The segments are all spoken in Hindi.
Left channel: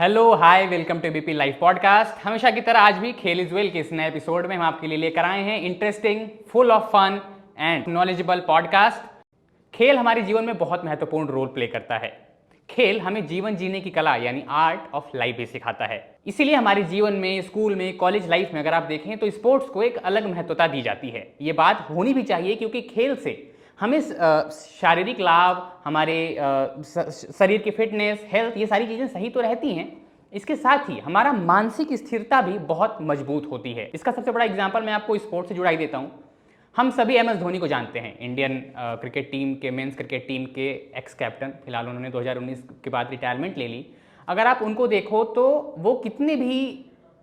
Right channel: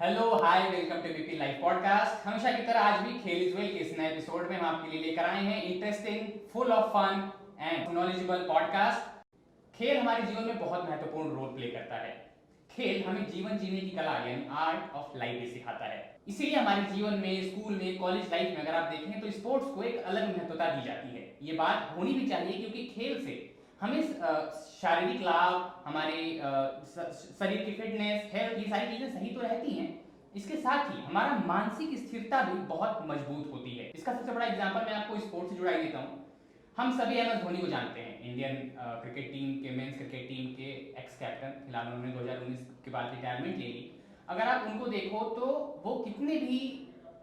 Hello hi welcome to BP live podcast. हमेशा की तरह आज भी खेल इज वेल के इस नए एपिसोड में हम आपके लिए लेकर आए हैं interesting, full of fun and knowledgeable podcast. खेल हमारे जीवन में बहुत महत्वपूर्ण रोल प्ले करता है। खेल हमें जीवन जीने की कला यानी आर्ट ऑफ लाइफ भी सिखाता है। इसीलिए हमारे जीवन में, स्कूल में, कॉलेज लाइफ में अगर आप देखें तो स्पोर्ट्स को एक अलग महत्वता दी जाती है। ये बात होनी भी चाहिए क्योंकि खेल से हमें शारीरिक लाभ, हमारे शरीर की फिटनेस, हेल्थ, ये सारी चीज़ें सही तो रहती हैं। इसके साथ ही हमारा मानसिक स्थिरता भी बहुत मजबूत होती है। इसका सबसे बड़ा एग्जाम्पल मैं आपको स्पोर्ट्स से जुड़ाई देता हूँ। हम सभी एम एस धोनी को जानते हैं, इंडियन क्रिकेट टीम के, मेंस क्रिकेट टीम के एक्स कैप्टन। फिलहाल उन्होंने 2019 के बाद रिटायरमेंट ले ली। अगर आप उनको देखो तो वो कितने भी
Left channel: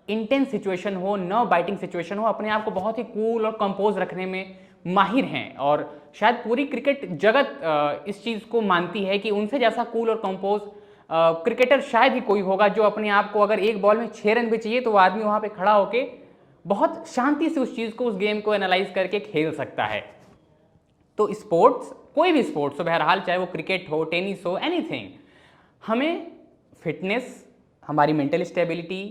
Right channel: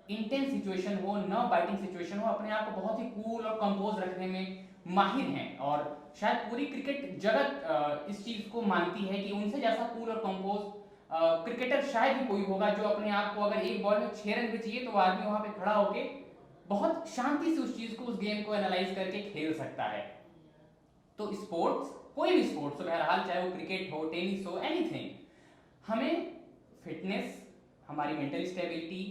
इंटेंस सिचुएशन हो, न बाइटिंग सिचुएशन हो, अपने आप को बहुत ही कूल और कंपोज रखने में माहिर हैं। और शायद पूरी क्रिकेट जगत इस चीज़ को मानती है कि उनसे जैसा कूल और कंपोज क्रिकेटर शायद ही कोई होगा, जो अपने आप को अगर एक बॉल में 6 रन भी चाहिए तो वो आदमी वहाँ पे खड़ा होके बहुत शांति से उस चीज़ को, उस गेम को एनालाइज करके खेल सकता है। तो स्पोर्ट्स, कोई भी स्पोर्ट्स हो बहरहाल, चाहे वो क्रिकेट हो, टेनिस हो, एनीथिंग, हमें फिटनेस, हमारी मेंटल स्टेबिलिटी,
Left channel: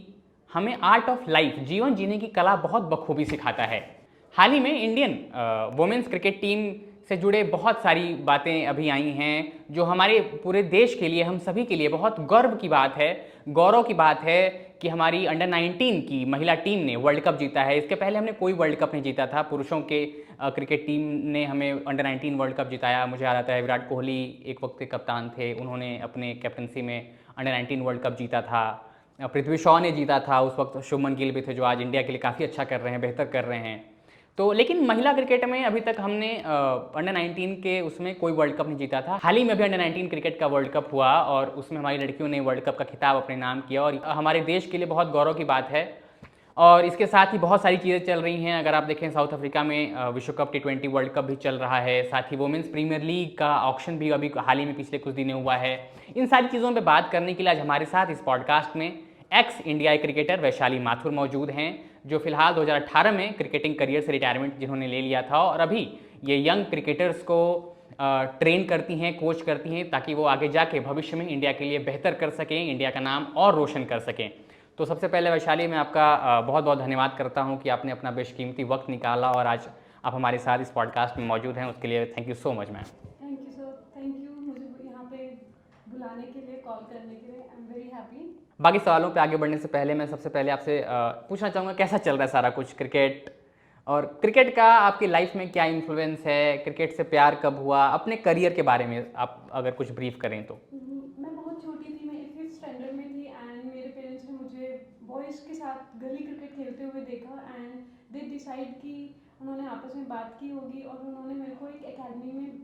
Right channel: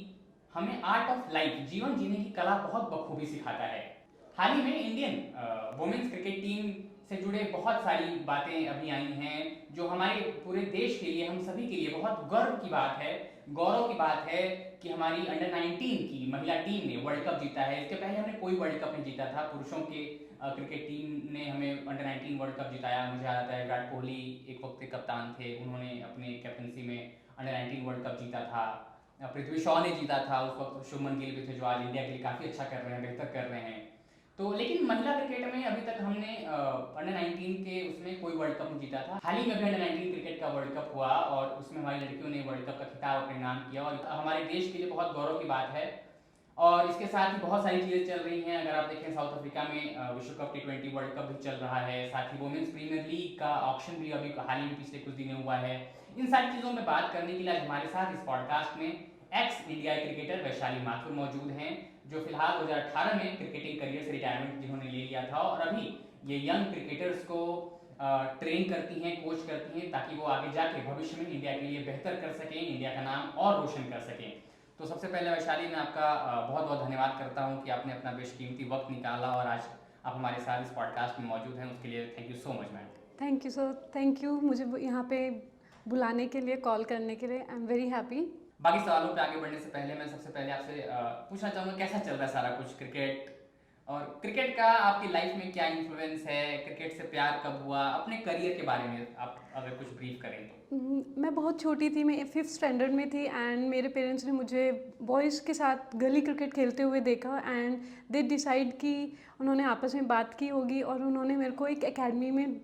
हमें आर्ट ऑफ लाइफ, जीवन जीने की कला बहुत बखूबी सिखाता है। हाल ही में इंडियन वुमेन्स क्रिकेट टीम से जुड़े बहुत सारी बातें अभी आई हैं जो हमारे पूरे देश के लिए, हम सभी के लिए बहुत गर्व की बात है, गौरव की बात है कि हमारी अंडर 19 की महिला टीम ने वर्ल्ड कप जीता है। इसके पहले हमने कोई वर्ल्ड कप नहीं जीता था। पुरुषों के क्रिकेट टीम ने हमें अंडर 19 वर्ल्ड कप जिताया। मुझे याद आता है विराट कोहली एक वक्त के कप्तान थे, उन्होंने अपने कैप्टनसी में अंडर 19 वर्ल्ड कप जीता था। पृथ्वी शॉ ने जीता था, उस वक्त शुभमन गिल भी थे जो आज इंडिया के लिए काफ़ी अच्छा कर रहे हैं, बेहतर कर रहे हैं। तो लेकिन महिला क्रिकेट में अभी तक हमने अंडर 19 के उसमें कोई वर्ल्ड कप नहीं जीता था। हाल ही में अभी अंडर 19 क्रिकेट का वर्ल्ड कप हुआ और उसमें हमारी लड़कियों ने वर्ल्ड कप का खिताब अपने नाम किया और हमारे देश के लिए बहुत गौरव की बात है। और इसके साथ ही बहुत सारी चीज़ें चल रही हैं। अगर आप देखें, साउथ अफ्रीका में विश्व कप T20 वर्ल्ड कप भी चल रहा है। साथ ही वुमेन्स प्रीमियर लीग का ऑक्शन भी अभी हाल ही में पिछले कुछ दिनों हुआ है। इन सारी चीज़ों पर बात करने के लिए आज हमारे साथ इस पॉडकास्ट में एक्स इंडियाई क्रिकेटर वैशाली माथुर मौजूद हैं, जो फिलहाल 2018 में क्रिकेटिंग करियर से रिटायरमेंट जिन्होंने ले लिया था और अभी ये यंग क्रिकेटर्स को ट्रेन करती हैं, कोच करती हैं, ताकि वो आगे जाके भविष्य में इंडिया के लिए बेहतर कर सकें, इंडिया का नाम और रोशन कर सकें। तो सबसे पहले वैशाली, मैं आपका बहुत बहुत धन्यवाद करता हूँ कि आपने अपना बेशकीमती वक्त निकाला और आज आप हमारे साथ इस पॉडकास्ट में मौजूद हैं। उसके लिए thank you so much ma'am. Thank you sir, thank you मुझे यहाँ पे बुलाने के लिए, कॉल करने के लिए। I am very happy. बाकी सवालों पे आगे बढ़ने से पहले मैं सबसे पहले आपसे पूछना चाहूँगा, कैसा चल रहा है सारा कुछ क्रिकेट, और क्रिकेट का आपकी लाइफ में क्या इन्फ्लुएंस है, क्रिकेट से प्यार कब हुआ, अपने करियर के बारे में आप अगर कुछ ब्रीफ करें तो। मैं बहुत छोटी थी, मैं 5th स्टैंडर्ड में थी एंड मेरे पेरेंट्स ने मुझे बॉयज़ के साथ गली क्रिकेट खेलते हुए देखा एंड दे डिसाइड कि उन्होंने आपस में बात की होगी और उन्होंने मेरे को एक एकेडमी में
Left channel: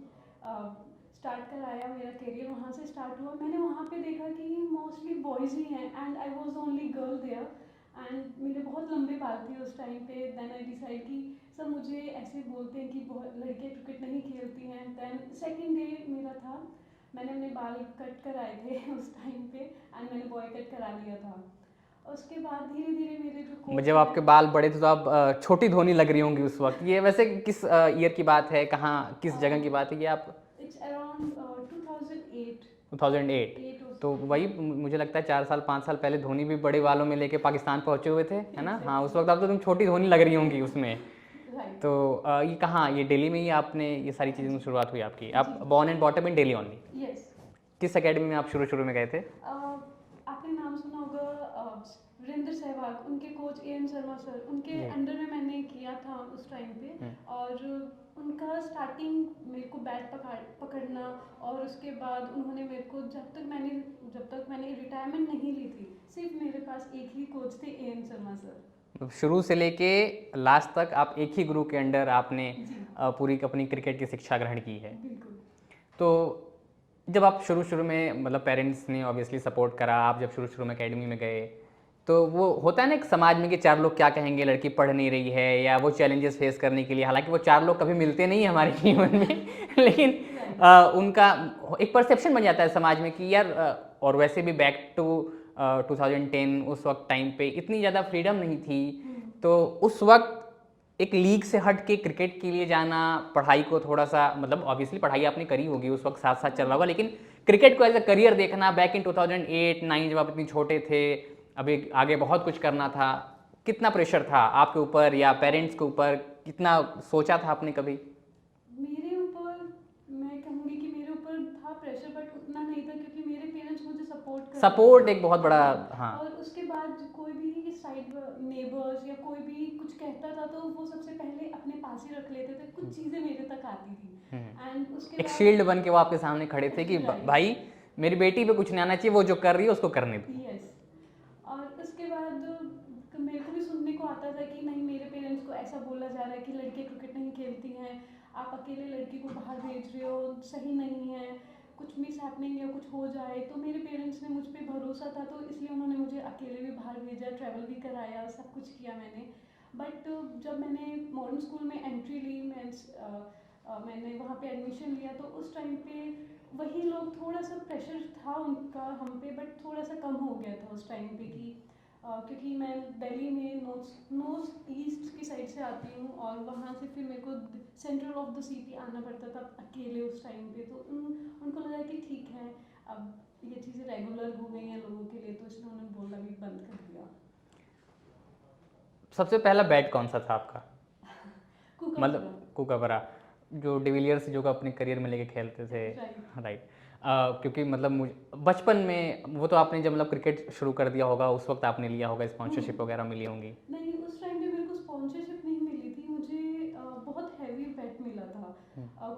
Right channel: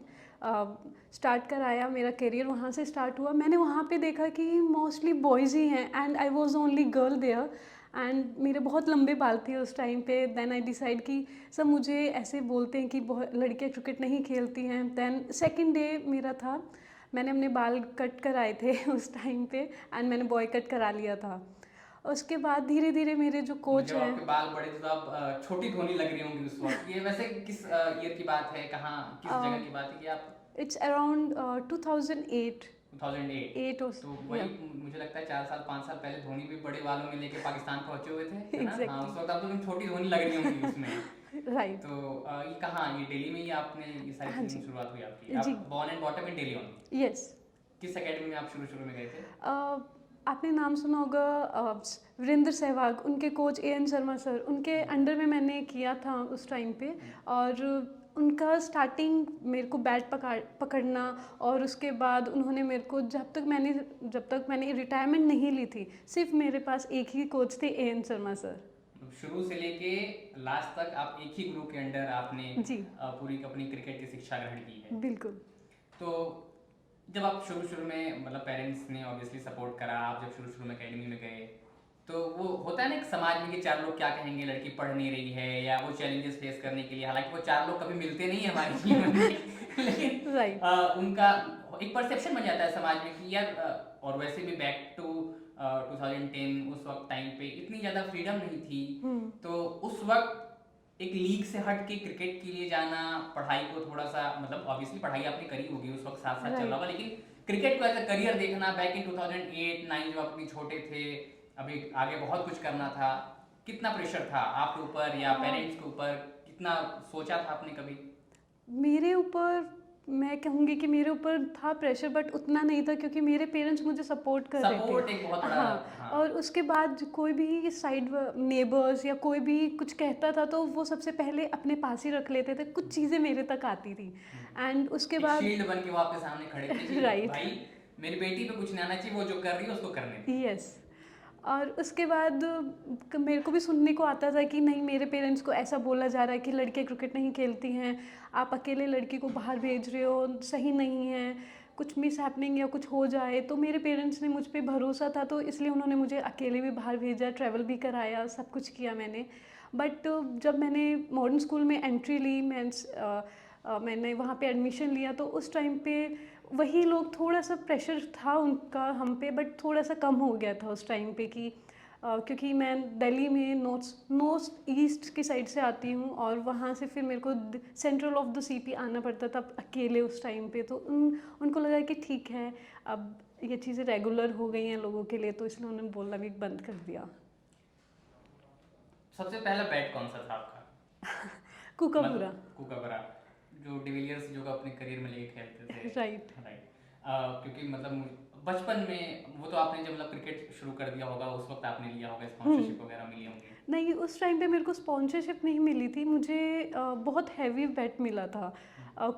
स्टार्ट कराया। मेरा करियर वहाँ से स्टार्ट हुआ। मैंने वहाँ पे देखा कि मोस्टली बॉयज़ ही हैं and I was only girl there and मेरे बहुत लंबे बाल थे उस टाइम पे। देन आई डिसाइड कि सब मुझे ऐसे बोलते हैं कि बहुत लड़कियाँ क्रिकेट नहीं खेलती हैं। देन सेकंड डे मेरा था, मैंने अपने बाल कट कराए थे उस टाइम पे एंड मैंने बॉय कट करा लिया था। उसके बाद धीरे धीरे मेरे जो कोच जब आपके बाल बड़े थे तो आप छोटी धोनी लग रही होंगी उस वक्त। ये वैसे किस ईयर की बात है, कहाँ, किस जगह की बात है, ये आप? It's around 2008। 2008। तो वही मुझे लगता है 4 साल 5 साल पहले धोनी भी बड़े बालों में लेके पाकिस्तान पहुंचे हुए थे, है ना? हाँ, उस वक्त आप तो तुम छोटी धोनी लग रही होंगी उसमें। राइट। तो ये कहाँ, ये दिल्ली में ही आपने ये सारी चीज़ों में शुरुआत हुई आपकी? आप जी। Born and bottom in Delhi only? Yes. किस एकेडमी में आप शुरू में गए थे? आपने नाम सुना होगा वीरेंद्र सहवाग, उनके कोच AN शर्मा सर, उनके अंडर में मैंने किया था उस टाइम पे। और उनका स्टार्टिंग मेरे को बैट पकड़ना और उसके बाद उन्होंने मेरे को जब तक मैंने रिटायरमेंट नहीं ली थी, सिर्फ मेरे पास एक ही कोच थे, AN शर्मा सर। शुरू से लेके लास्ट तक आप एक ही गुरु के अंडर आपने जी। पूरी अपनी क्रिकेट की शिक्षा ग्रहण की है। बिल्कुल। तो जब आप शुरू में, मतलब पेरेंट्स ने ऑब्वियसली सपोर्ट करा, आप जब शुरू में एकेडमी में गए तो वो होता है ना एक समाज में कि 4 लोग क्या कहेंगे, लड़की पढ़ नहीं रही है, या वो चैलेंजेस फेस करने के लिए, हालांकि वो 4 लोग कभी मिलते नहीं है हमारे जीवन में लेकिन उनका एक परसेप्शन बन जाता है समाज में कि यार, और वैसे भी बैक टू 2010 उस वक्त टाइम पे इतनी ज़्यादा फ्रीडम नहीं थी। तो उस वक्त एक लीग से हट के क्रिकेट के लिए जाना, पढ़ाई को थोड़ा सा, मतलब ऑब्वियसली पढ़ाई आपने करी होगी उस वक्त, साथ साथ चल रहा होगा, लेकिन क्रिकेट को एज अ करियर देखना बैक इन 2008-9 जब आप इतनी छोटे थे, अभी आगे बहुत कुछ करना था, कितना प्रेशर था आपके ऊपर या पेरेंट्स के ऊपर? कितना सोचा था आपने कभी? मेरे ऊपर मैं कहूँगी कि मेरे ऊपर था प्रेशर, बट उतना नहीं था क्योंकि मेरे पेरेंट्स मुझे सपोर्ट कर रहे थे। सपोर्ट एक बहुत बड़ा। हाँ। हाँ। और उसके बाद कोई भी साइड नेबर्स या कोई भी कुछ कहता था तो वो सबसे पहले अपने पास ही रख लेते थे, कुछ चीज़ें मेरे तक आती थी। एंड उसके एक बाद शील्ड बन के वो आपके सामने खड़े थे कि Right. भाई मेरी बेटी पे कुछ नहीं आना चाहिए, वो जो कर रही है उसको करने दे। यस। और उसके बाद मेरे को भी सुनने को आता था कि नहीं, मेरे पेरेंट्स को ऐसा बोला जा रहा है कि लड़के क्रिकेट नहीं खेलती हैं, आप अकेले लड़की को बाहर भेज रहे हो, सही नहीं है, कुछ मिस हैपनिंग या कुछ हो जाए। तो मेरे पेरेंट्स ने मुझ पे भरोसा था, तो इसलिए उन्होंने मुझे अकेले भी बाहर भेजा, ट्रैवल भी कराया, सब कुछ किया मैंने। बट जब मैंने मॉडर्न स्कूल में एंट्री ली, मैंने वहाँ पे एडमिशन लिया, तो उस टाइम पे वही लोग, थोड़ा सा प्रेशर था उनका हम पे, बट थोड़ा सा कम हो गया था उस टाइम पे कि क्योंकि मैं दिल्ली में नॉर्थ ईस्ट की साइड से आती हूँ और वहाँ से फिर मेरे को सेंट्रल ऑफ द सीपी आना पड़ता था अकेले उस टाइम पे। तो उनको लगा कि ठीक है, अब ये चीज़ें रेगुलर हो गई हैं लोगों के लिए, तो इसलिए उन्होंने बोलना भी बंद कर दिया। सबसे पहला बैट कौन सा था आपका? कुकापुरा। मतलब कुकाबरा, जो डिविलियर्स जो अपने करियर में लेके खेलते थे। राइट। राइट। क्योंकि मतलब मुझे बचपन में वो तो आपने जब मतलब क्रिकेट शुरू कर दिया होगा उस वक्त आपने लिया होगा, स्पॉन्सरशिप वगैरह मिली होंगी? नहीं, उस टाइम पे मेरे को स्पॉन्सरशिप नहीं मिली थी, मुझे बहुत हैवी बैट मिला था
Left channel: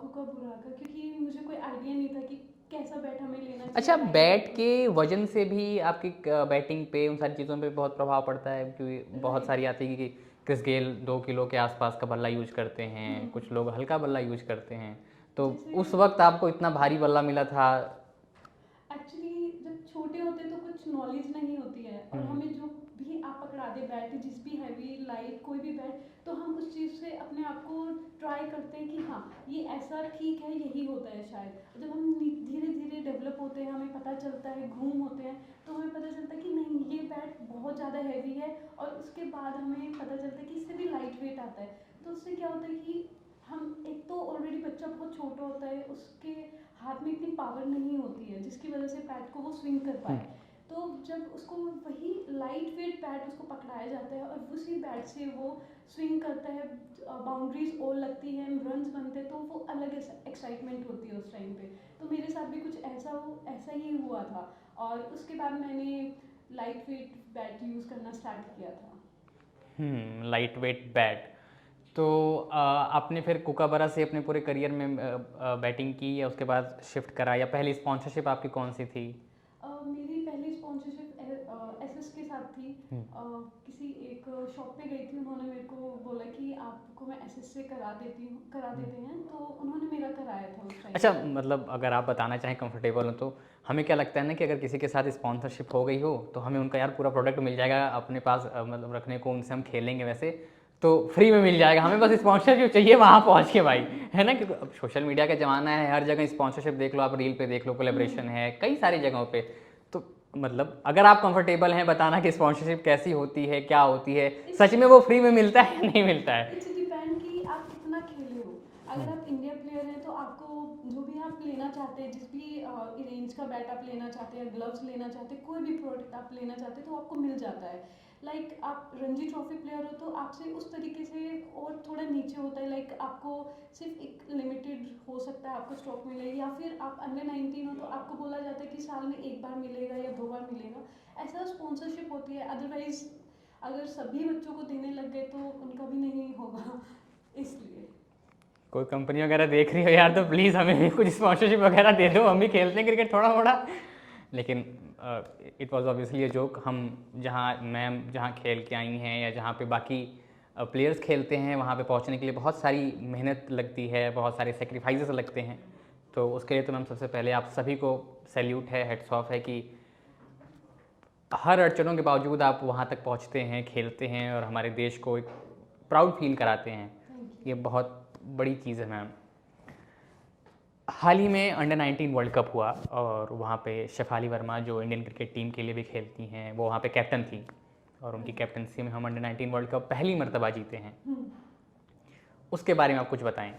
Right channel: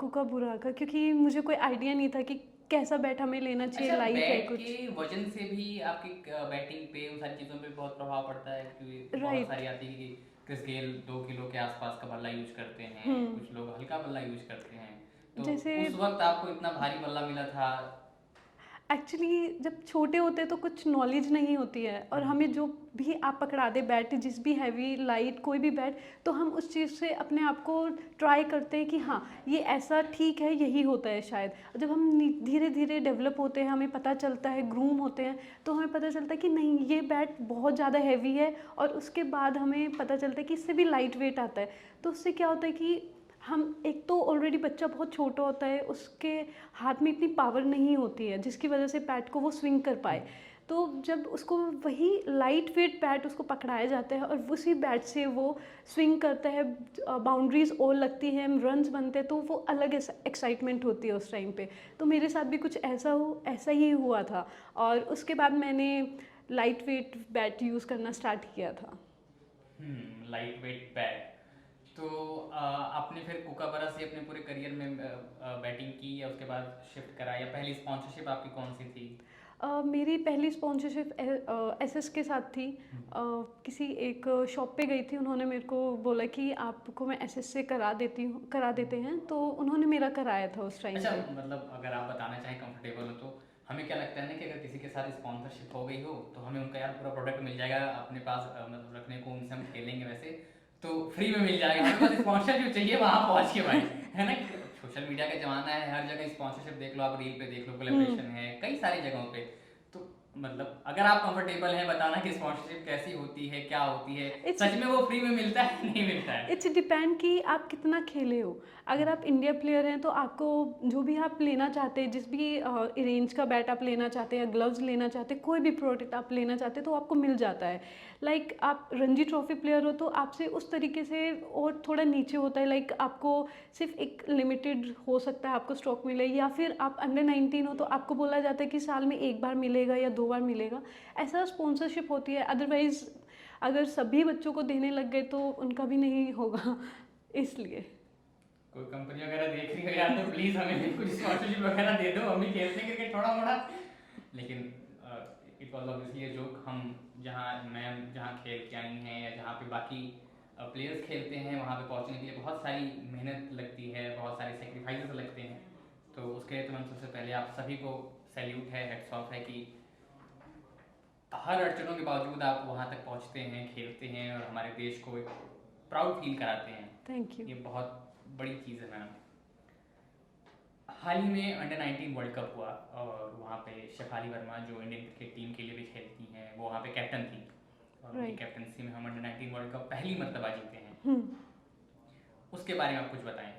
कुकाबुरा का, क्योंकि मुझे कोई आइडिया नहीं था कि कैसा बैट हमें लेना चाहिए। अच्छा, बैट के वजन से भी आपकी बैटिंग पे, उन सारी चीज़ों पे बहुत प्रभाव पड़ता है? क्योंकि बहुत राइट। सारी आती है कि क्रिस गेल 2 किलो के आसपास का बल्ला यूज करते हैं, कुछ लोग हल्का बल्ला यूज करते हैं, तो जैसे उस वक्त आपको इतना भारी बल्ला मिला था? एक्चुअली जब छोटे होते हैं तो कुछ नॉलेज नहीं होती है, और हमें जो भी आप पकड़ा दे बैट, जिस भी हैवी लाइट कोई भी बैट, तो हम उस चीज़ से अपने आप को ट्राई करते हैं कि हाँ ये ऐसा ठीक है, यही होता है शायद। जब हम धीरे धीरे डेवलप होते हैं, हमें पता चलता है, ग्रूम होते हैं, तो हमें पता चलता है कि नहीं ये बैट बहुत ज़्यादा हैवी है, और उसके बाद हमें पता चलता है कि इससे भी लाइट वेट आता है। तो उससे क्या होता है कि हम, एक तो ऑलरेडी बच्चा बहुत छोटा होता है, उसके हाथ में इतनी पावर नहीं होती है जिसकी वजह से बैट को वो स्विंग कर पाए। तो जब उसको वही लाइट वेट बैट उसको पकड़ाया जाता है और उसी बैट से वो स्विंग करता है, बाउंड्रीज और लगती है, रन्स बनते हैं, तो वो अलग एक्साइटमेंट होती है उस टाइम पे। तो मेरे साथ भी कुछ ऐसा ही हुआ था, और उसके बाद मैंने लाइट वेट बैट यूज़ करना स्टार्ट किया था। Light weight bat. तो आपने फिर कुकाबरा से अपने पूरे करियर में बैटिंग की, या उसके बाद शिफ्ट करा, या पहली स्पॉन्सरशिप आपकी कौन सी थी? मेरी पहली स्पॉन्सरशिप एसएस के साथ थी। किसी एक शॉप पे गई थी, उन्होंने मेरे को बोला कि आपको मैं एसएस से करा देते हैं, तो उन्होंने मेरा कराया था उस टाइम। अच्छा, मतलब अगर आप बताना चाहें कंफर्टेबल हो तो, हमें क्या लगता है ना कि अगर किसी के साथ स्पॉन्सरशिप हो गई हो तो हमें उनका यार पूरा प्रोडक्ट मिल जाएगा अपने पास, मतलब रखने को, उनसे हम खेलेंगे वैसे तो फ्री में मिल जाएगा, हमें बस स्पॉन्सरशिप चाहिए वहाँ पहुँच के भाई, है ना? क्योंकि अब सोशल मीडिया का ज़माना है, हर जगह स्पॉन्सरशिप देख लो, आप रील पे देख लो, कोलेब्रेशन है कई सारी जगहों पे। तो मतलब अगर आप कंफर्टेबल हैं बताना कि स्पॉन्सरशिप कैसी होती है, क्या होती है, सच में वो फ्री में मिलता है या नहीं मिलता है? इट्स डिपेंड कि आप कितना खेले हो। अगर आप इंडिया प्लेयर हैं तो आपको जो भी आप लेना चाहते हैं, जिस भी रेंज का बैट आप लेना चाहते हैं, ग्लव्स लेना चाहते हैं, कोई भी प्रोडक्ट आप लेना चाहते हैं तो आपको मिल जाता है। लाइक आप रणजी ट्रॉफी प्लेयर हो तो आपसे उस तरीके से और थोड़ा नीचे होता है, लाइक आपको सिर्फ एक लिमिटेड हो सकता है आपको स्टॉक मिले, या फिर आप अंडर 19 हो तो आपको बोला जाता है कि साल में 1 बार मिलेगा या 2 बार मिलेगा, ऐसा स्पॉन्सरशिप होती है। अदरवाइज अगर सभी बच्चों को देने लग गए तो उनका भी नहीं होगा, इसलिए। कोई कंपनी वगैरह देख रही हो यार तो प्लीज़ हमें भी कुछ स्पॉन्सरशिप वगैरह दे दो, हम भी खेलते हैं क्रिकेट थोड़ा थोड़ा। लेकिन it was obviously a joke. हम मैम जहाँ खेल के आई हैं या जहाँ पे बाकी प्लेयर्स खेलते हैं, वहाँ पे पहुँचने के लिए बहुत सारी मेहनत लगती है, बहुत सारे सेक्रीफाइसेस लगते हैं। तो उसके लिए तो मैम सबसे पहले आप सभी को सैल्यूट है, हेड्स ऑफ है कि हर अड़चनों के बावजूद आप वहाँ तक पहुँचते हैं, खेलते हैं और हमारे देश को एक प्राउड फील कराते हैं। Thank you. ये बहुत बड़ी चीज़ है मैम। हाल ही में अंडर 19 वर्ल्ड कप हुआ और वहाँ पे शेफाली वर्मा जो इंडियन क्रिकेट टीम के लिए भी खेलती हैं, वो वहाँ पे कैप्टन थी और उनकी कैप्टनसी में हम अंडर 19 वर्ल्ड कप पहली मर्तबा जीते हैं। उसके बारे में आप कुछ बताएं।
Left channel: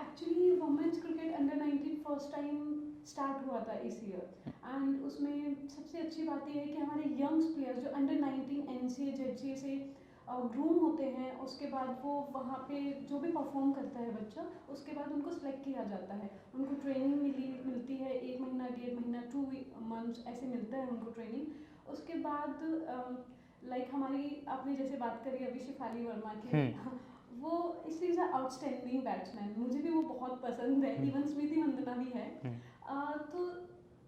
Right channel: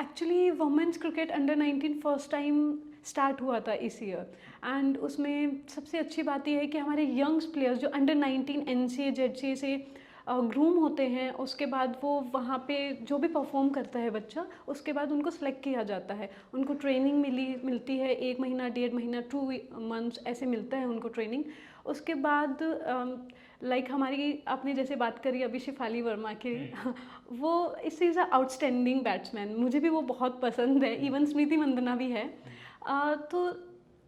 Actually women's cricket under 19 first time start हुआ था इस ईयर। एंड उसमें सबसे अच्छी बात यह है कि हमारे यंग्स प्लेयर्स जो अंडर 19 NCA ZCA से ग्रूम होते हैं, उसके बाद वो वहाँ पे जो भी परफॉर्म करता है बच्चा, उसके बाद उनको सेलेक्ट किया जाता है। उनको ट्रेनिंग मिलती है 1 महीना 1.5 महीना 2 मंथ्स ऐसे मिलता है उनको ट्रेनिंग। उसके बाद लाइक हमारी आपने जैसे बात करी अभी शिफाली वर्मा की वो इस इज़ अ आउटस्टैंडिंग बैट्समैन, मुझे भी वो बहुत पसंद है, इवन स्मृति मंदना भी है। तो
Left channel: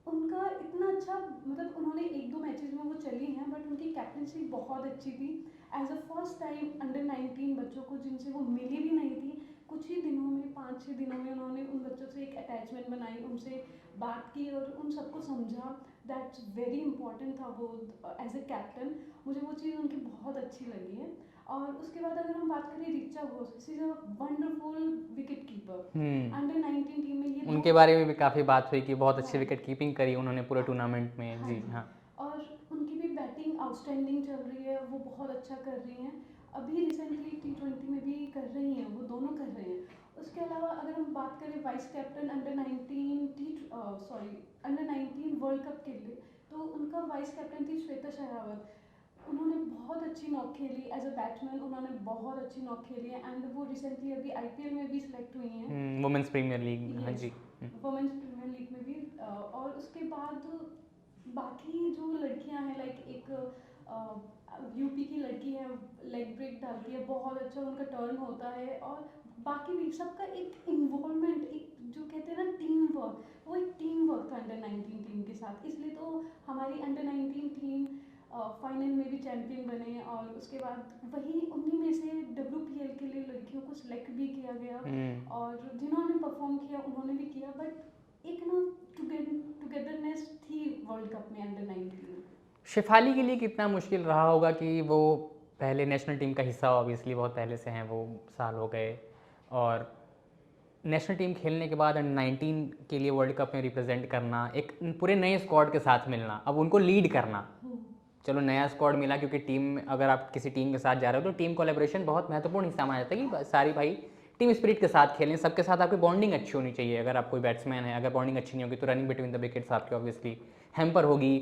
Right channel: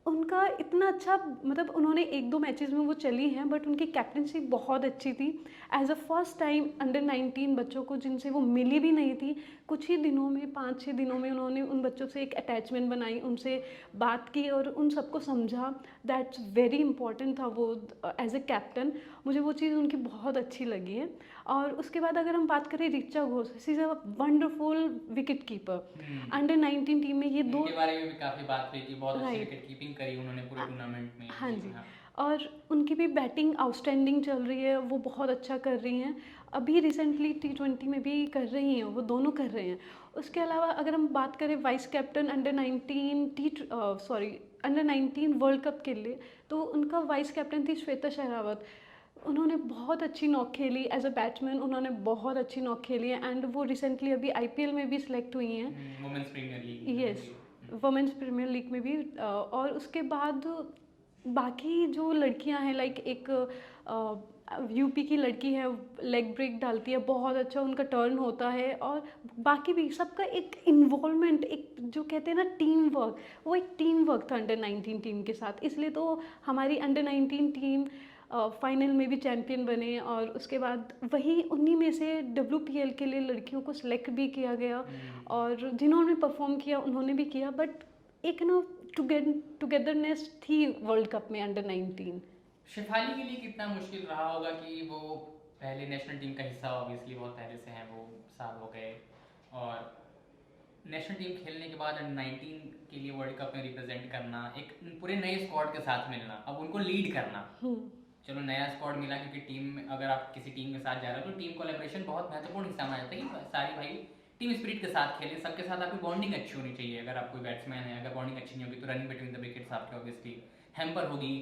उनका इतना अच्छा, मतलब उन्होंने 1-2 मैचेस में वो चली हैं, बट उनकी कैप्टनसी बहुत अच्छी थी। As a first time under 19 बच्चों को जिनसे वो मिली भी नहीं थी, कुछ ही दिनों में 5-6 दिनों में उन्होंने उन बच्चों से एक अटैचमेंट बनाई, उनसे बात की और उन सबको समझा। दैट्स वेरी इंपॉर्टेंट था वो एज ए कैप्टन, मुझे वो चीज़ उनकी बहुत अच्छी लगी है। और उसके बाद अगर हम बात करें Richa Ghosh, she is a wonderful wicket keeper. Under 19 team में ये दो उनके बारे में भी काफ़ी बात हुई कि बहुत अच्छी Right. विकेट कीपिंग करी उन्होंने पूरे टूर्नामेंट में। हाँ जी जी, हाँ। और उनकी भी बैटिंग आउटस्टैंडिंग चल रही है, वो बहुत अच्छा कर रही हैं। अभी रिसेंटली T20 में भी कर रही हैं, वो दोनों कर रहे हैं। उसके अलावा अगर हम बात करें vice captain under 19 world cup के लिए, तो उनका वाइस कैप्टन थी श्वेता शेरावत। उन्होंने बहुत अच्छी नॉक खेली एज अ बैट्समैन, उन्होंने बहुत अच्छी नॉक खेली है। एंड वो रिसेंटली अभी IPL में भी सिलेक्ट हुई हैं, women's premier league. Yes, women's premier league में भी। और उसके बाद बाकी जो लड़कियां हैं, लाइक एक यूपी की लड़की है, लेग ब्रेक डालती है, बहुत अच्छा उनका टर्न होता है। और बाकी भी सबका एक इन्वॉल्वमेंट, एक जो कहते हैं ना टीम वर्क, वो एक टीम वर्क था अंडर 19 टीम के साथ। इसलिए तो हमारी अंडर 19 टीम फाइनल में भी चैम्पियन बने। और उसके बाद वही उन्हीं में से WPL के लिए लड़कियों को सिलेक्ट भी किया गया, और जिन्होंने परफॉर्म किया उन्होंने भी किया। बट एक ना टुगेदरनेस थी वर्ल्ड कप में अंडर 19। शिफाली के लिए कितना मुश्किल रहा होगा कि वो पहले नेशनल टीम का हिस्सा, ऑब्वियसली बहुत पहले से हैं, वो साल हो गए, और नेशनल टीम खेलने के बाद अंडर 19 के लिए वर्ल्ड कप में रिप्रेजेंट करना, एक पूरे नए स्क्वाड के साथ मिलना, अब उनको लीड करना। चलो नया स्क्वाड मिला, क्योंकि टीम में अगर आप किसी टीम के साथ जा रहे हो तो टीम कोलैबोरेशन बहुत महत्वपूर्ण हिस्सा माना जाता है कि सारी भाई टीम स्पिरिट के साथ खेलें, सबके साथ आपकी बॉन्डिंग अच्छी होनी चाहिए। अगर आप कोई बैट्समैन है, अगर बॉन्डिंग अच्छी नहीं होगी तो रनिंग बिटवीन द विकेट्स आपकी ऑब्वियसली हैम्पर होगी,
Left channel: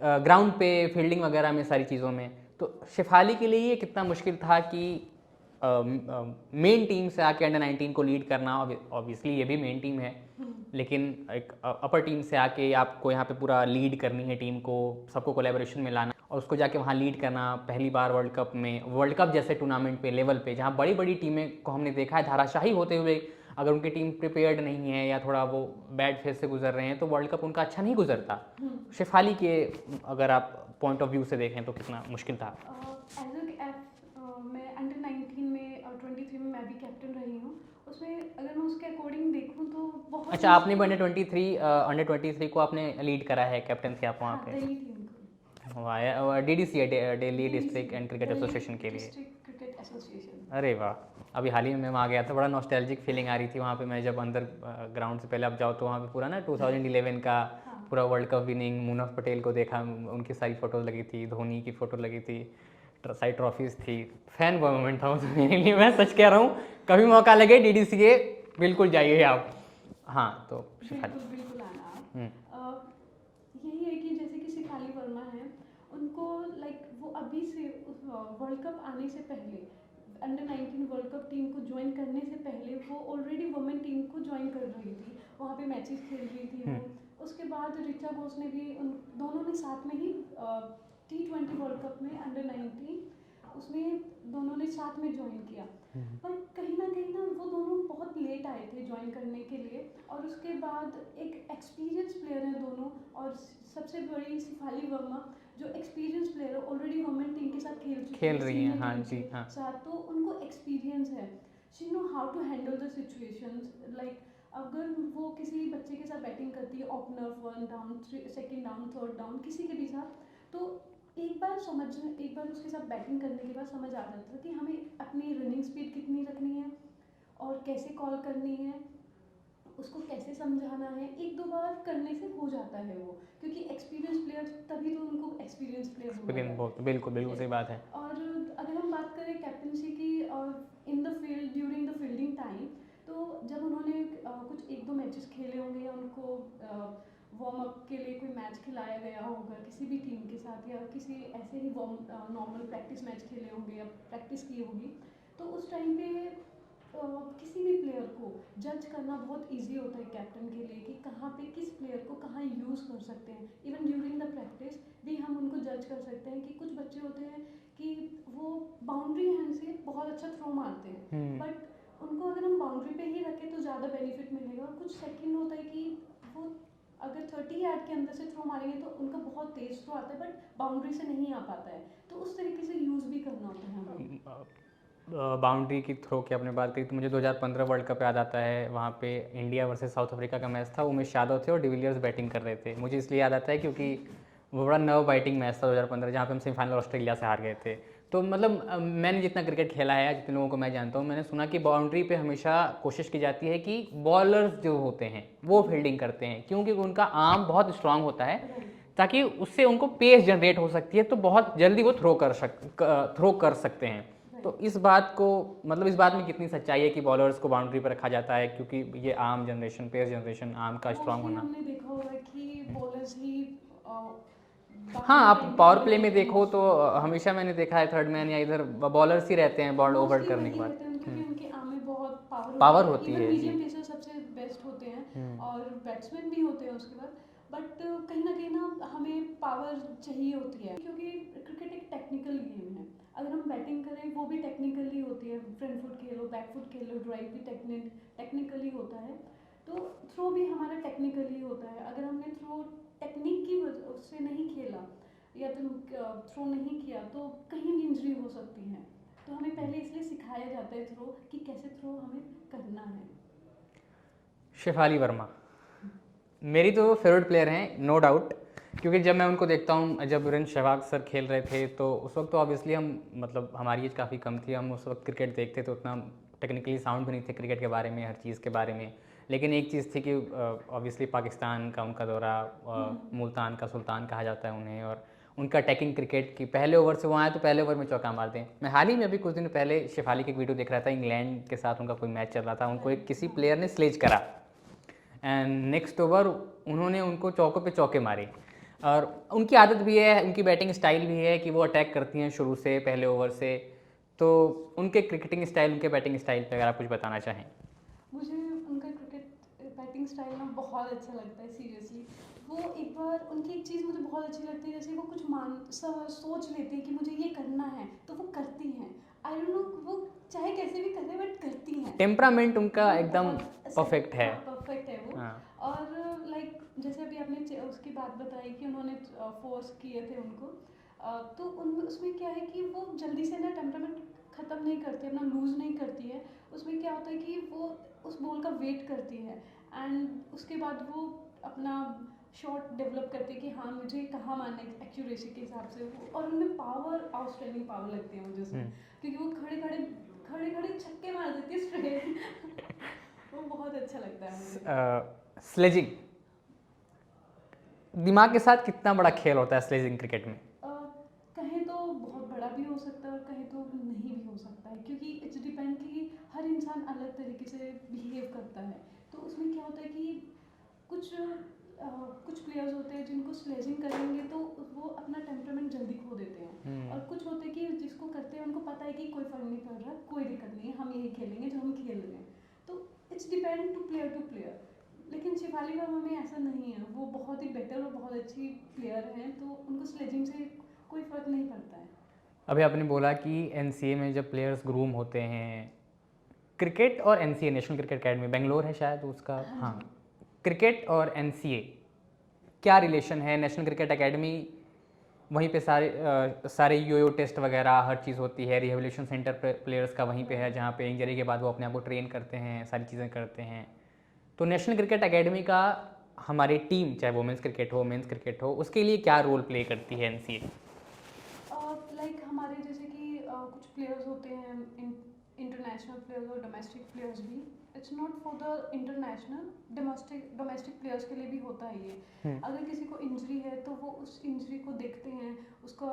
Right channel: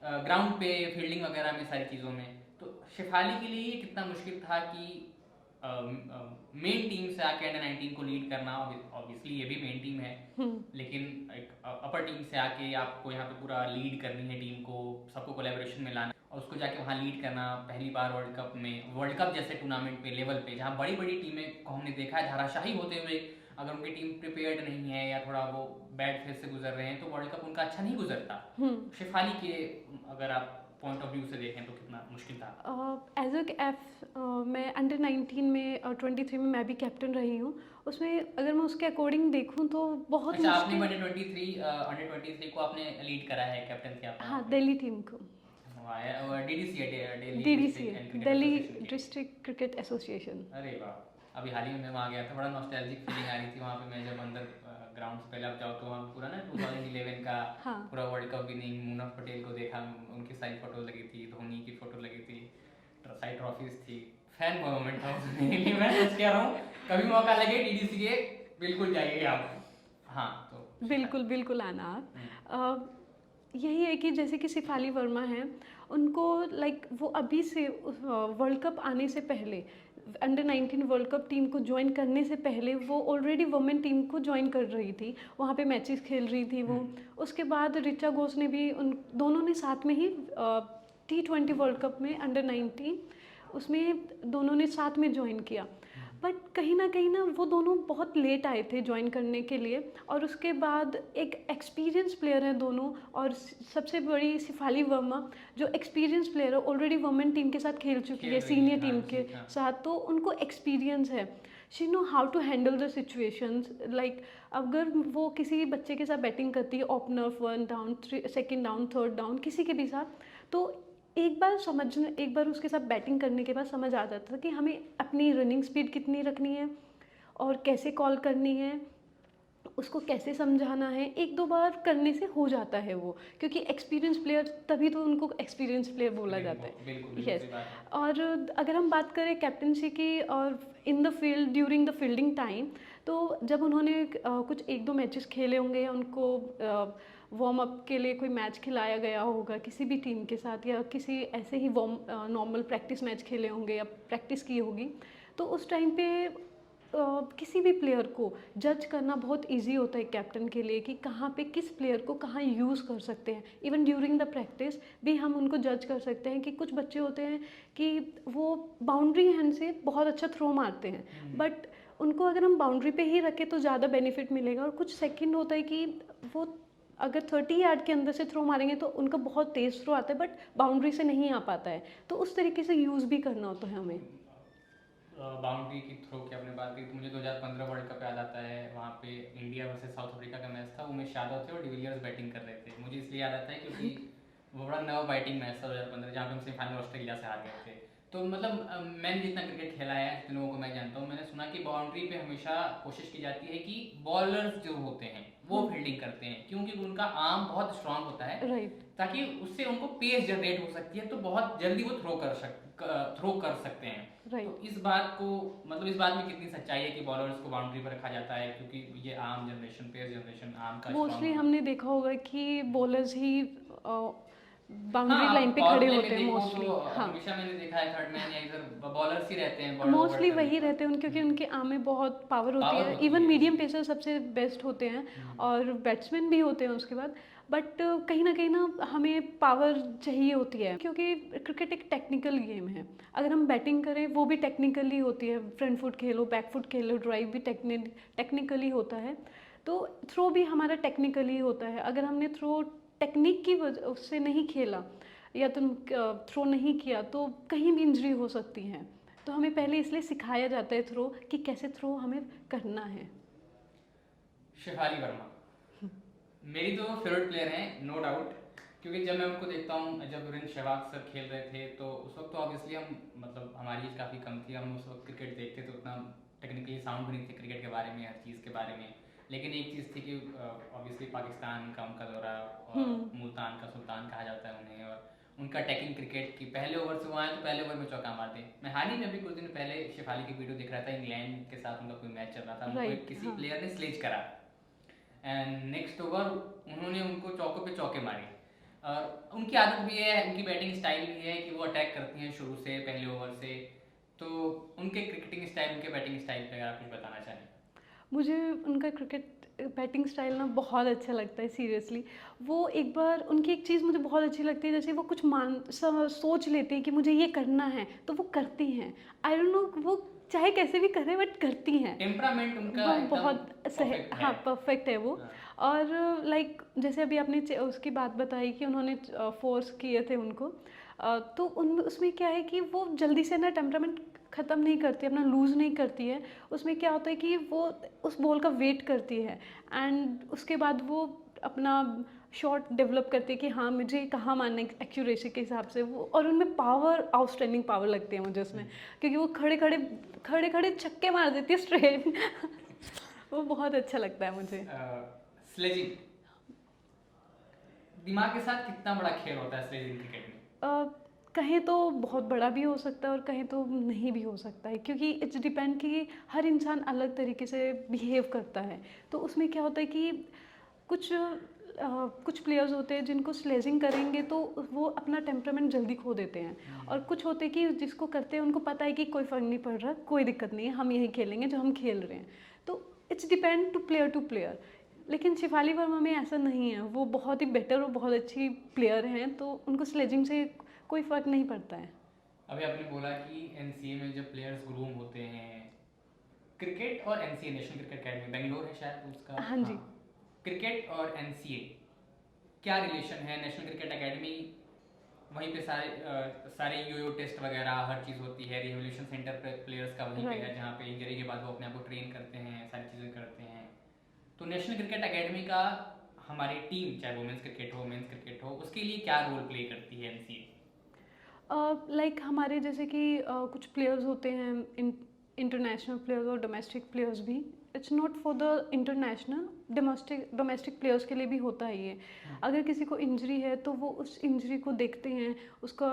ग्राउंड पे फील्डिंग वगैरह में, सारी चीज़ों में। तो शिफाली के लिए ये कितना मुश्किल था कि मेन टीम से आके अंडर 19 को लीड करना, ऑब्वियसली ये भी मेन टीम है, लेकिन एक अपर टीम से आके आपको यहाँ पे पूरा लीड करनी है टीम को, सबको कोलैबोरेशन में लाना और उसको जाके वहाँ लीड करना। पहली बार वर्ल्ड कप में, वर्ल्ड कप जैसे टूर्नामेंट पे, लेवल पे, जहाँ बड़ी बड़ी टीमें को हमने देखा है धाराशाही होते हुए, अगर उनकी टीम प्रिपेयर्ड नहीं है या थोड़ा वो बैड फेज से गुजर रहे हैं तो वर्ल्ड कप उनका अच्छा नहीं गुजरता। शिफाली के अगर आप पॉइंट ऑफ व्यू से देखें तो कितना मुश्किल था? एज ए मैं अंडर 19 में 23 में मैं भी कैप्टन रही हूँ। उसमें अगर मैं उसके अकॉर्डिंग देखूँ तो बहुत अच्छा, आपने अंडर 23 को आपने लीड करा है, कैप्टन थे आप वहाँ पे? दिल्ली टीम को। DDC है, Delhi district and cricket association के लिए। District cricket association. अरे वाह, अभी हाल ही में मैं वहाँ गया था, बड़ा नॉस्टैल्जिक फीलिंग आ रही थी वहाँ पे। मैं जब अंदर ग्राउंड से पहले आप जाओ तो वहाँ पे पूरा ना 2011 का पूरा वर्ल्ड कप विनिंग मुनफ पटेल को देखा, उनकी सारी फोटो लगी थी, धोनी की फोटो लगी थी, सारी ट्रॉफीज थी। फैन बॉय मोमेंट था तो मेरे लिए, मैं सच कह रहा हूँ, कभी मौका लगे DDC के बिल्कुल जाइए आप। हाँ, तो बिल्कुल आना आप। यही है कि जैसे कि शिफाली वर्मा हैं, उनको लाइक वो अभी से वर्ल्ड कप आने से पहले, अंडर 19 वर्ल्ड कप टीम को ज्वाइन करने से पहले वो ऑलरेडी वुमेन टीम को ज्वाइन कर रही थी, वहाँ पे मैचेस खेल रही थी वो। उसके बाद ऋचा घोष ने भी, उन दोनों ने साथ में ही T20 वर्ल्ड कप में अंडर 19 उसमें दोनों ने साथ में ज्वाइन किया। बट कहीं ना वो दोनों बहुत लेट आए थे ज्वाइन करने के लिए। और उसके बाद एक एक्सपीरियंस प्लेयर है दोनों, और सबसे बड़ी शिफाली वर्मा जो एक्सपीरियंस प्लेयर है, ऑलरेडी वुमेन टीम के साथ खेल चुकी है, सीनियर टीम के साथ, तो उनको एक्सपीरियंस है। She know how to handle the situations. Like अगर वो किसी बच्चे के साथ बैटिंग करती है, opener 1 down, 2nd down, 3rd down, किसी के भी साथ, तो एक बार उसके साथ बैटिंग करने के बाद समझ आ जाता था कि हमें अपनी रनिंग स्पीड कितनी रखनी है और कैसे कॉल करनी है, उसको कैसे समझाना है। 1-2 बार करने से हो जाता है वो, क्योंकि एक्सपीरियंस प्लेयर, तभी तो उनको एक्सपीरियंस प्लेयर बोला जाता है। बिल्कुल सही बात है। और अगर हम बात करें कैप्टनसी की और in the field during the fielding time, तो जब उन्होंने कुछ 1-2 मैचेस खेले होंगे या उनको वार्म अप के लिए कोई मैच खिलाया गया होगा किसी भी टीम के साथ, या किसी ऐसे ही नॉर्मल प्रैक्टिस मैच खेले होंगे या प्रैक्टिस की होगी, तो उस टाइम पे किसी भी प्लेयर को जज करना बहुत इजी होता है कैप्टन के लिए कि कहाँ पे किस प्लेयर को कहाँ यूज़ कर सकते हैं। इवन ड्यूरिंग द प्रैक्टिस भी हम उनको जज कर सकते हैं कि कुछ बच्चे होते हैं कि वो बाउंड्री हैंड से बहुत अच्छा थ्रो मारते हैं, बट उनको अगर हम बाउंड्री पे ही रखें तो ज़्यादा बेनिफिट मिलेगा। और कुछ सेकंड होता है कि वो अगर 30 यार्ड के अंदर से थ्रो मारेंगे तो उनका बहुत तेज़ थ्रो आता है बट बाउंड्री से नहीं आ पाता है, तो उस तरीके से यूज़ भी करना होता है हमें। बाउंड्री की थ्रो की आपने बात की तो मुझे 2015 वर्ल्ड कप याद आता है। वहाँ पे इंडिया वर्सेस साउथ अफ्रीका का मैच था, उमेश यादव थे और डिविलियर्स बैटिंग कर रहे थे। मुझे इसलिए याद आता है क्योंकि वो बड़ा नर्व बाइटिंग मैच था 2015, जहाँ पे हम सेमीफाइनल ऑस्ट्रेलिया से हार गए थे। तो मतलब मैंने जितना क्रिकेट खेला है, जितने लोगों को मैं जानता हूँ, मैंने सुना कि बाउंड्री पे हमेशा कोशिश की जाती है कि बॉलर्स जो होते हैं वो फील्डिंग करते हैं, क्योंकि उनका आर्म बहुत स्ट्रांग होता है, राइट। ताकि उससे उनको पेस जनरेट हो सकती है, तो बहुत जल्दी वो थ्रो कर सकते हैं। तो इस बात को मतलब इस बात में कितनी सच्चाई है कि बॉलर्स को बाउंड्री पर रखा जाता है क्योंकि ये arm generation, pace generation, arm का स्ट्रांग मोस्टली होना। हमने देखा होगा कि बॉलर्स ही हाँ, बाउंड्री आप लाइन पे पावर खड़े प्ले होते में हैं देखो तो मोस्टली। हाँ, हमेशा मैंने देखा है थर्ड मैन या इधर बॉलर्स ही रहते हैं बॉल ओवर मोस्टली करने वही के रहते हैं क्योंकि बाद। उनके आर्म में बहुत पावर पावर होती है। होती इवन है मीडियम जी। पेसर सबसे बेस्ट होते हैं और बैट्समैन भी होते हैं उसके बाद, बट कहीं ना कहीं ना हमें पावर चाहिए होती है क्योंकि क्रिकेट एक टेक्निकल गेम है। अगर हम बैटिंग करें वो भी टेक्निकली होती है, फ्रंट फुट खेलो, बैक फुट खेलो, ड्राइव भी टेक्निकली होता है, तो थ्रो भी हमारा टेक्निकली होता है। अगर हमने थ्रो टेक्निक की वजह उससे नहीं खेला या तुम थ्रो नहीं किया तो कहीं भी इंजरी हो सकती है। तो हमें पहले इसलिए सिखाया जाता है थ्रो कि कैसे थ्रो हमें करना है। शेफाली वर्मा मेरी तो फेवरेट प्लेयर हैं, नो डाउट, क्योंकि जब मैं उनको देखता हूँ, जब वीरेंद्र सहवाग सर खेल रहे थे तो उस वक्त तो ऑब्वियसली हम मतलब हमारी एज काफ़ी कम थी, हम उस वक्त क्रिकेट देखते तो उतना टेक्निकली साउंड भी नहीं थे क्रिकेट के बारे में, हर चीज़ के बारे में। लेकिन एक चीज़ थी कि ऑब्वियसली पाकिस्तान का उनका दौरा, मुल्तान का सुल्तान कहा जाता है उन्हें, और उनका अटैकिंग क्रिकेट की पहले ओवर से वो आए तो पहले ओवर में चौका मार दें। मैं हाल ही में अभी कुछ दिन पहले शेफाली की वीडियो देख रहा था, इंग्लैंड के साथ उनका कोई मैच चल रहा था, उनको एक किसी प्लेयर ने स्लेज करा एंड नेक्स्ट ओवर उन्होंने उनको चौकों पे चौके मारे। और उनकी आदत भी है, उनकी बैटिंग स्टाइल भी है कि वो अटैक करती हैं शुरू से पहले ओवर से। तो उनके क्रिकेटिंग स्टाइल, उनके बैटिंग स्टाइल पे अगर आप कुछ बताना चाहें। मुझे उनका क्रिकेट बैटिंग स्टाइल ना बहुत अच्छा लगता है सीरियसली। वो एक बार उनकी एक चीज़ मुझे बहुत अच्छी लगती है, जैसे वो कुछ सोच लेती है कि मुझे ये करना है तो वो करती हैं। आई डोंट नो वो चाहे कैसे भी करे बट करती हैं। टेम्परामेंट उनका वो एकदम बहुत परफेक्ट है। हाँ, परफेक्ट है वो। हाँ। और लाइक जैसे अभी आपने उसकी बात बताई कि उन्होंने फोर्स किए थे उनको, तो उन उसमें क्या है कि वो जल्दी से ना टेम्परामेंट ख़त्म नहीं करती, अपना लूज़ नहीं करती है। उसमें क्या होता है कि वो उस बॉल का वेट करती है एंड उसके बाद वो अपना शॉट डेवलप करती है कि हाँ मुझे कहाँ मारना है एक्यूरेसी के हिसाब से वो। और उनमें पावर, आउटस्टैंडिंग पावर लगती है मुझे उसमें, क्योंकि वो खड़े खड़े छक्के मार देती है स्ट्रेट। वो बहुत अच्छा लगता है मुझे। स्लेजिंग दिमाग के साथ कितना बड़ा खेल होता है स्लेजिंग क्रिकेट में? कहीं तो बहुत बड़ा भी हो सकता है और कहीं तो नहीं भी हो सकता है, क्योंकि इट्स डिपेंड कि हर इंसान अलग तरीके से बिहेव करता है। तो उसमें क्या होता है कि कुछ प्लेयर्स होते हैं जिनको स्लेजिंग करेंगे तो वो अपना टेम्परामेंट जल्दी खो देते हैं, और कुछ होते हैं कि जिसको करते हैं उनको पता है कि कोई फ़र्क नहीं पड़ रहा, कोई दिक्कत नहीं है, हम यही खेलेंगे जो हम खेल रहे हैं। तो इट्स डिपेंड टू प्लेयर। लेकिन शेफाली वर्मा में ऐसा नहीं है, वो बहुत ही बेटर और बहुत अच्छी प्लेयर हैं, तो उनको स्लेजिंग से कोई फ़र्क नहीं पड़ता है। अभी आपने बोला कि एनसीए में जब प्लेयर्स ग्रूम होते हैं, क्रिकेट और NCA, national cricket academy Bangalore है शायद उसका, हाँ जी। क्रिकेट और एनसीए क्या रिलेशन है? नेशनल क्रिकेट अकेडमी वहीं पे सारे योयो टेस्ट वगैरह हर चीज़ होती है, रिहेबिलिटेशन सेंटर प्लेयर्स का वहीं पे है, जहाँ पे इंजरी के बाद वो अपने आप को ट्रेन करते हैं, सारी चीज़ें करते हैं। तो नेशनल क्रिकेट अकेडमी का हमारी टीम, चाहे वुमेंस क्रिकेट हो, मेंस क्रिकेट हो, उसके लिए क्या रोल प्ले करती है एनसीए? लाइक हमारे जैसे कि कुछ प्लेयर्स होते हैं, इंटरनेशनल प्लेयर्स और डोमेस्टिक प्लेयर्स भी, it's not for the international, domestic players के लिए भी होता है ये। अगर किसी को इंजरी है तो वो उस इंजरी को देखते हैं, उसका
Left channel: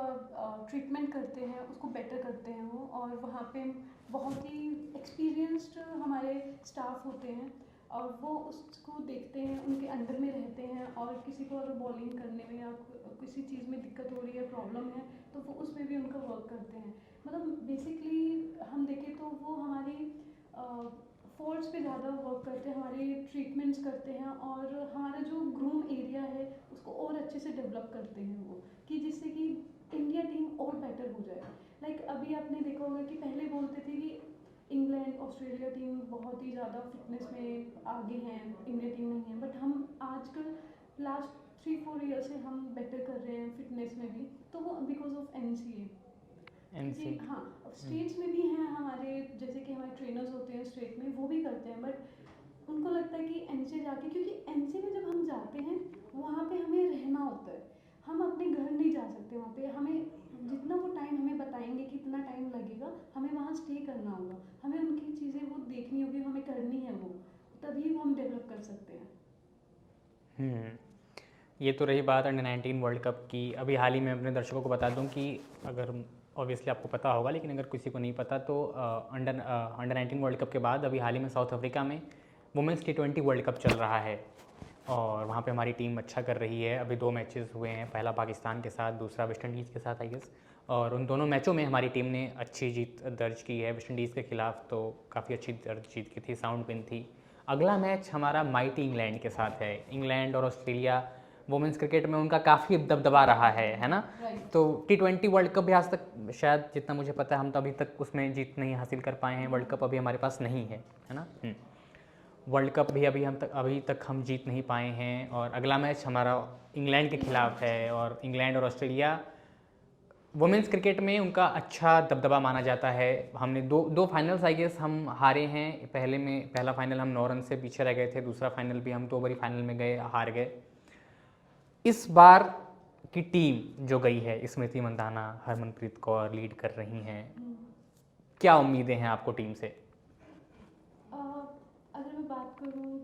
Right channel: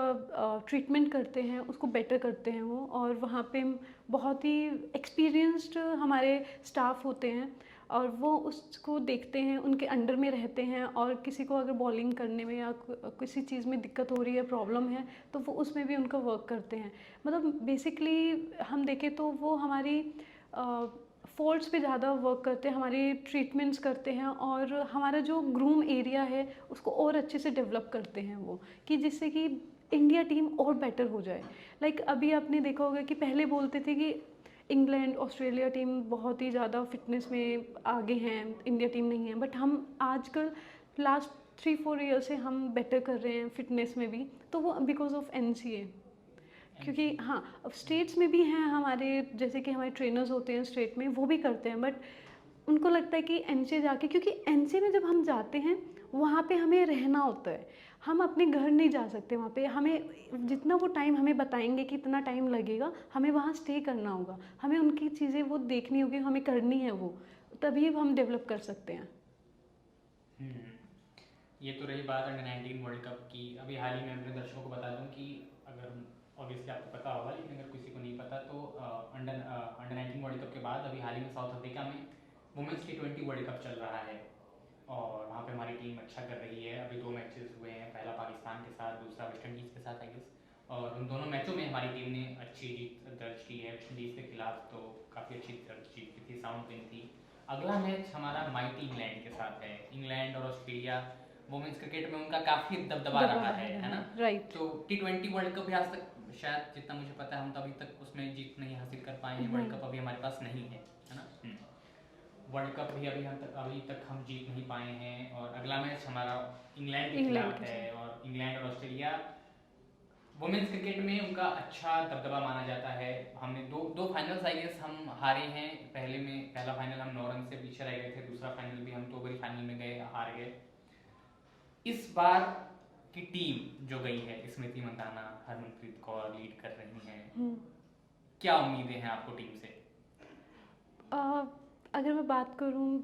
ट्रीटमेंट करते हैं, उसको बेटर करते हैं वो। और वहाँ पे बहुत ही एक्सपीरियंस्ड हमारे स्टाफ होते हैं और वो उसको देखते हैं, उनके अंडर में रहते हैं। और किसी को अगर बॉलिंग करने में या किसी चीज़ में दिक्कत हो रही है, प्रॉब्लम है, तो वो उसमें भी उनका वर्क करते हैं। मतलब बेसिकली हम देखें तो वो हमारी फॉल्ट्स पे ज़्यादा वर्क करते हैं, हमारे ट्रीटमेंट्स करते हैं और हमारा जो ग्रूम एरिया है उसको और अच्छे से डेवलप करते हैं वो, कि जिससे कि इंडिया टीम और बेटर हो जाए। लाइक अभी आपने देखा होगा कि पहले बोलते थे कि इंग्लैंड ऑस्ट्रेलिया टीम बहुत ही ज़्यादा फिटनेस में आगे हैं, इंडिया टीम नहीं है। बट हम आजकल लास्ट 3-4 ईयर से हम बेटर कर रहे हैं फिटनेस में भी, तो वो बिकॉज ऑफ एनसीए। क्योंकि हाँ, अब स्टेट्स में भी हैं हमारे, जैसे कि हमारे ट्रेनर्स होते हैं स्टेट में, वो भी करते हैं। बट उनको लगता है कि एनसीए जाके, क्योंकि एनसीए में जब हम जाते हैं वहाँ पे हमें रहना होता है, हम अपने घर नहीं जा सकते वहाँ पे। हमें जितना वो टाइम हमें बताएंगे कि इतना टाइम लगेगा, हमें वहाँ स्टे करना होगा, हमें उनकी चीज़ें वो देखनी होगी, हमें करनी है वो, तभी हम डेवलप कर सकते हैं। ये तो रही बात अंडर 19 वर्ल्ड कप की। अभी हाल ही में अपने दर्शकों को बता दूं कि अगर ऑब्वियसली आपको पता होगा, लेकिन अगर किसी को नहीं पता तो अंडर 19 वर्ल्ड कप के बाद अभी हाल ही में साउथ अफ्रीका में वुमेंस T20 वर्ल्ड कप चल रहा है और वहाँ पे हमारी टीम अच्छा कर रही है। अभी 2 मैचेस हुए हैं, पहला पाकिस्तान के साथ, दूसरा वेस्ट इंडीज़ के साथ आई गेस। और उन दोनों मैचों में हमारी टीम ने अच्छी जीत दर्ज की है। वेस्ट इंडीज़ के खिलाफ तो काफ़ी अच्छी जीत की थी, साउंड विन थी। अगला मैच हमारा माइटी इंग्लैंड के साथ है। इंग्लैंड और ऑस्ट्रेलिया वुमेंस क्रिकेट में उनका काफ़ी दबदबा रहा है ना। राइट। तो T20 वर्ल्ड कप भी आज तक शायद जितना मुझे पता है हम तो अभी तक उसमें जीत नहीं हासिल कर पाए हैं। वर्ल्ड कप अभी हमारे पास नहीं है ना। वर्ल्ड कप भी अभी तक हम जीत नहीं पाए हैं। और अगला मैच हमारा इंग्लैंड के खिलाफ है और इंग्लैंड और ऑस्ट्रेलिया वुमेंस क्रिकेट में उनका अच्छा दबदबा माना जाता है। हमने दो फाइनल्स आई गेस हम हारे हैं। पहला फाइनल हम 9 रन से पीछे रह गए थे, दूसरा फाइनल भी हम 2 बारी फाइनल में गए, हार गए। इस बार की टीम जो गई है, स्मृति मंदाना, हरमनप्रीत कौर लीड कर रही हैं, क्या उम्मीदें हैं आपको टीम से? अगर मैं बात करूँ,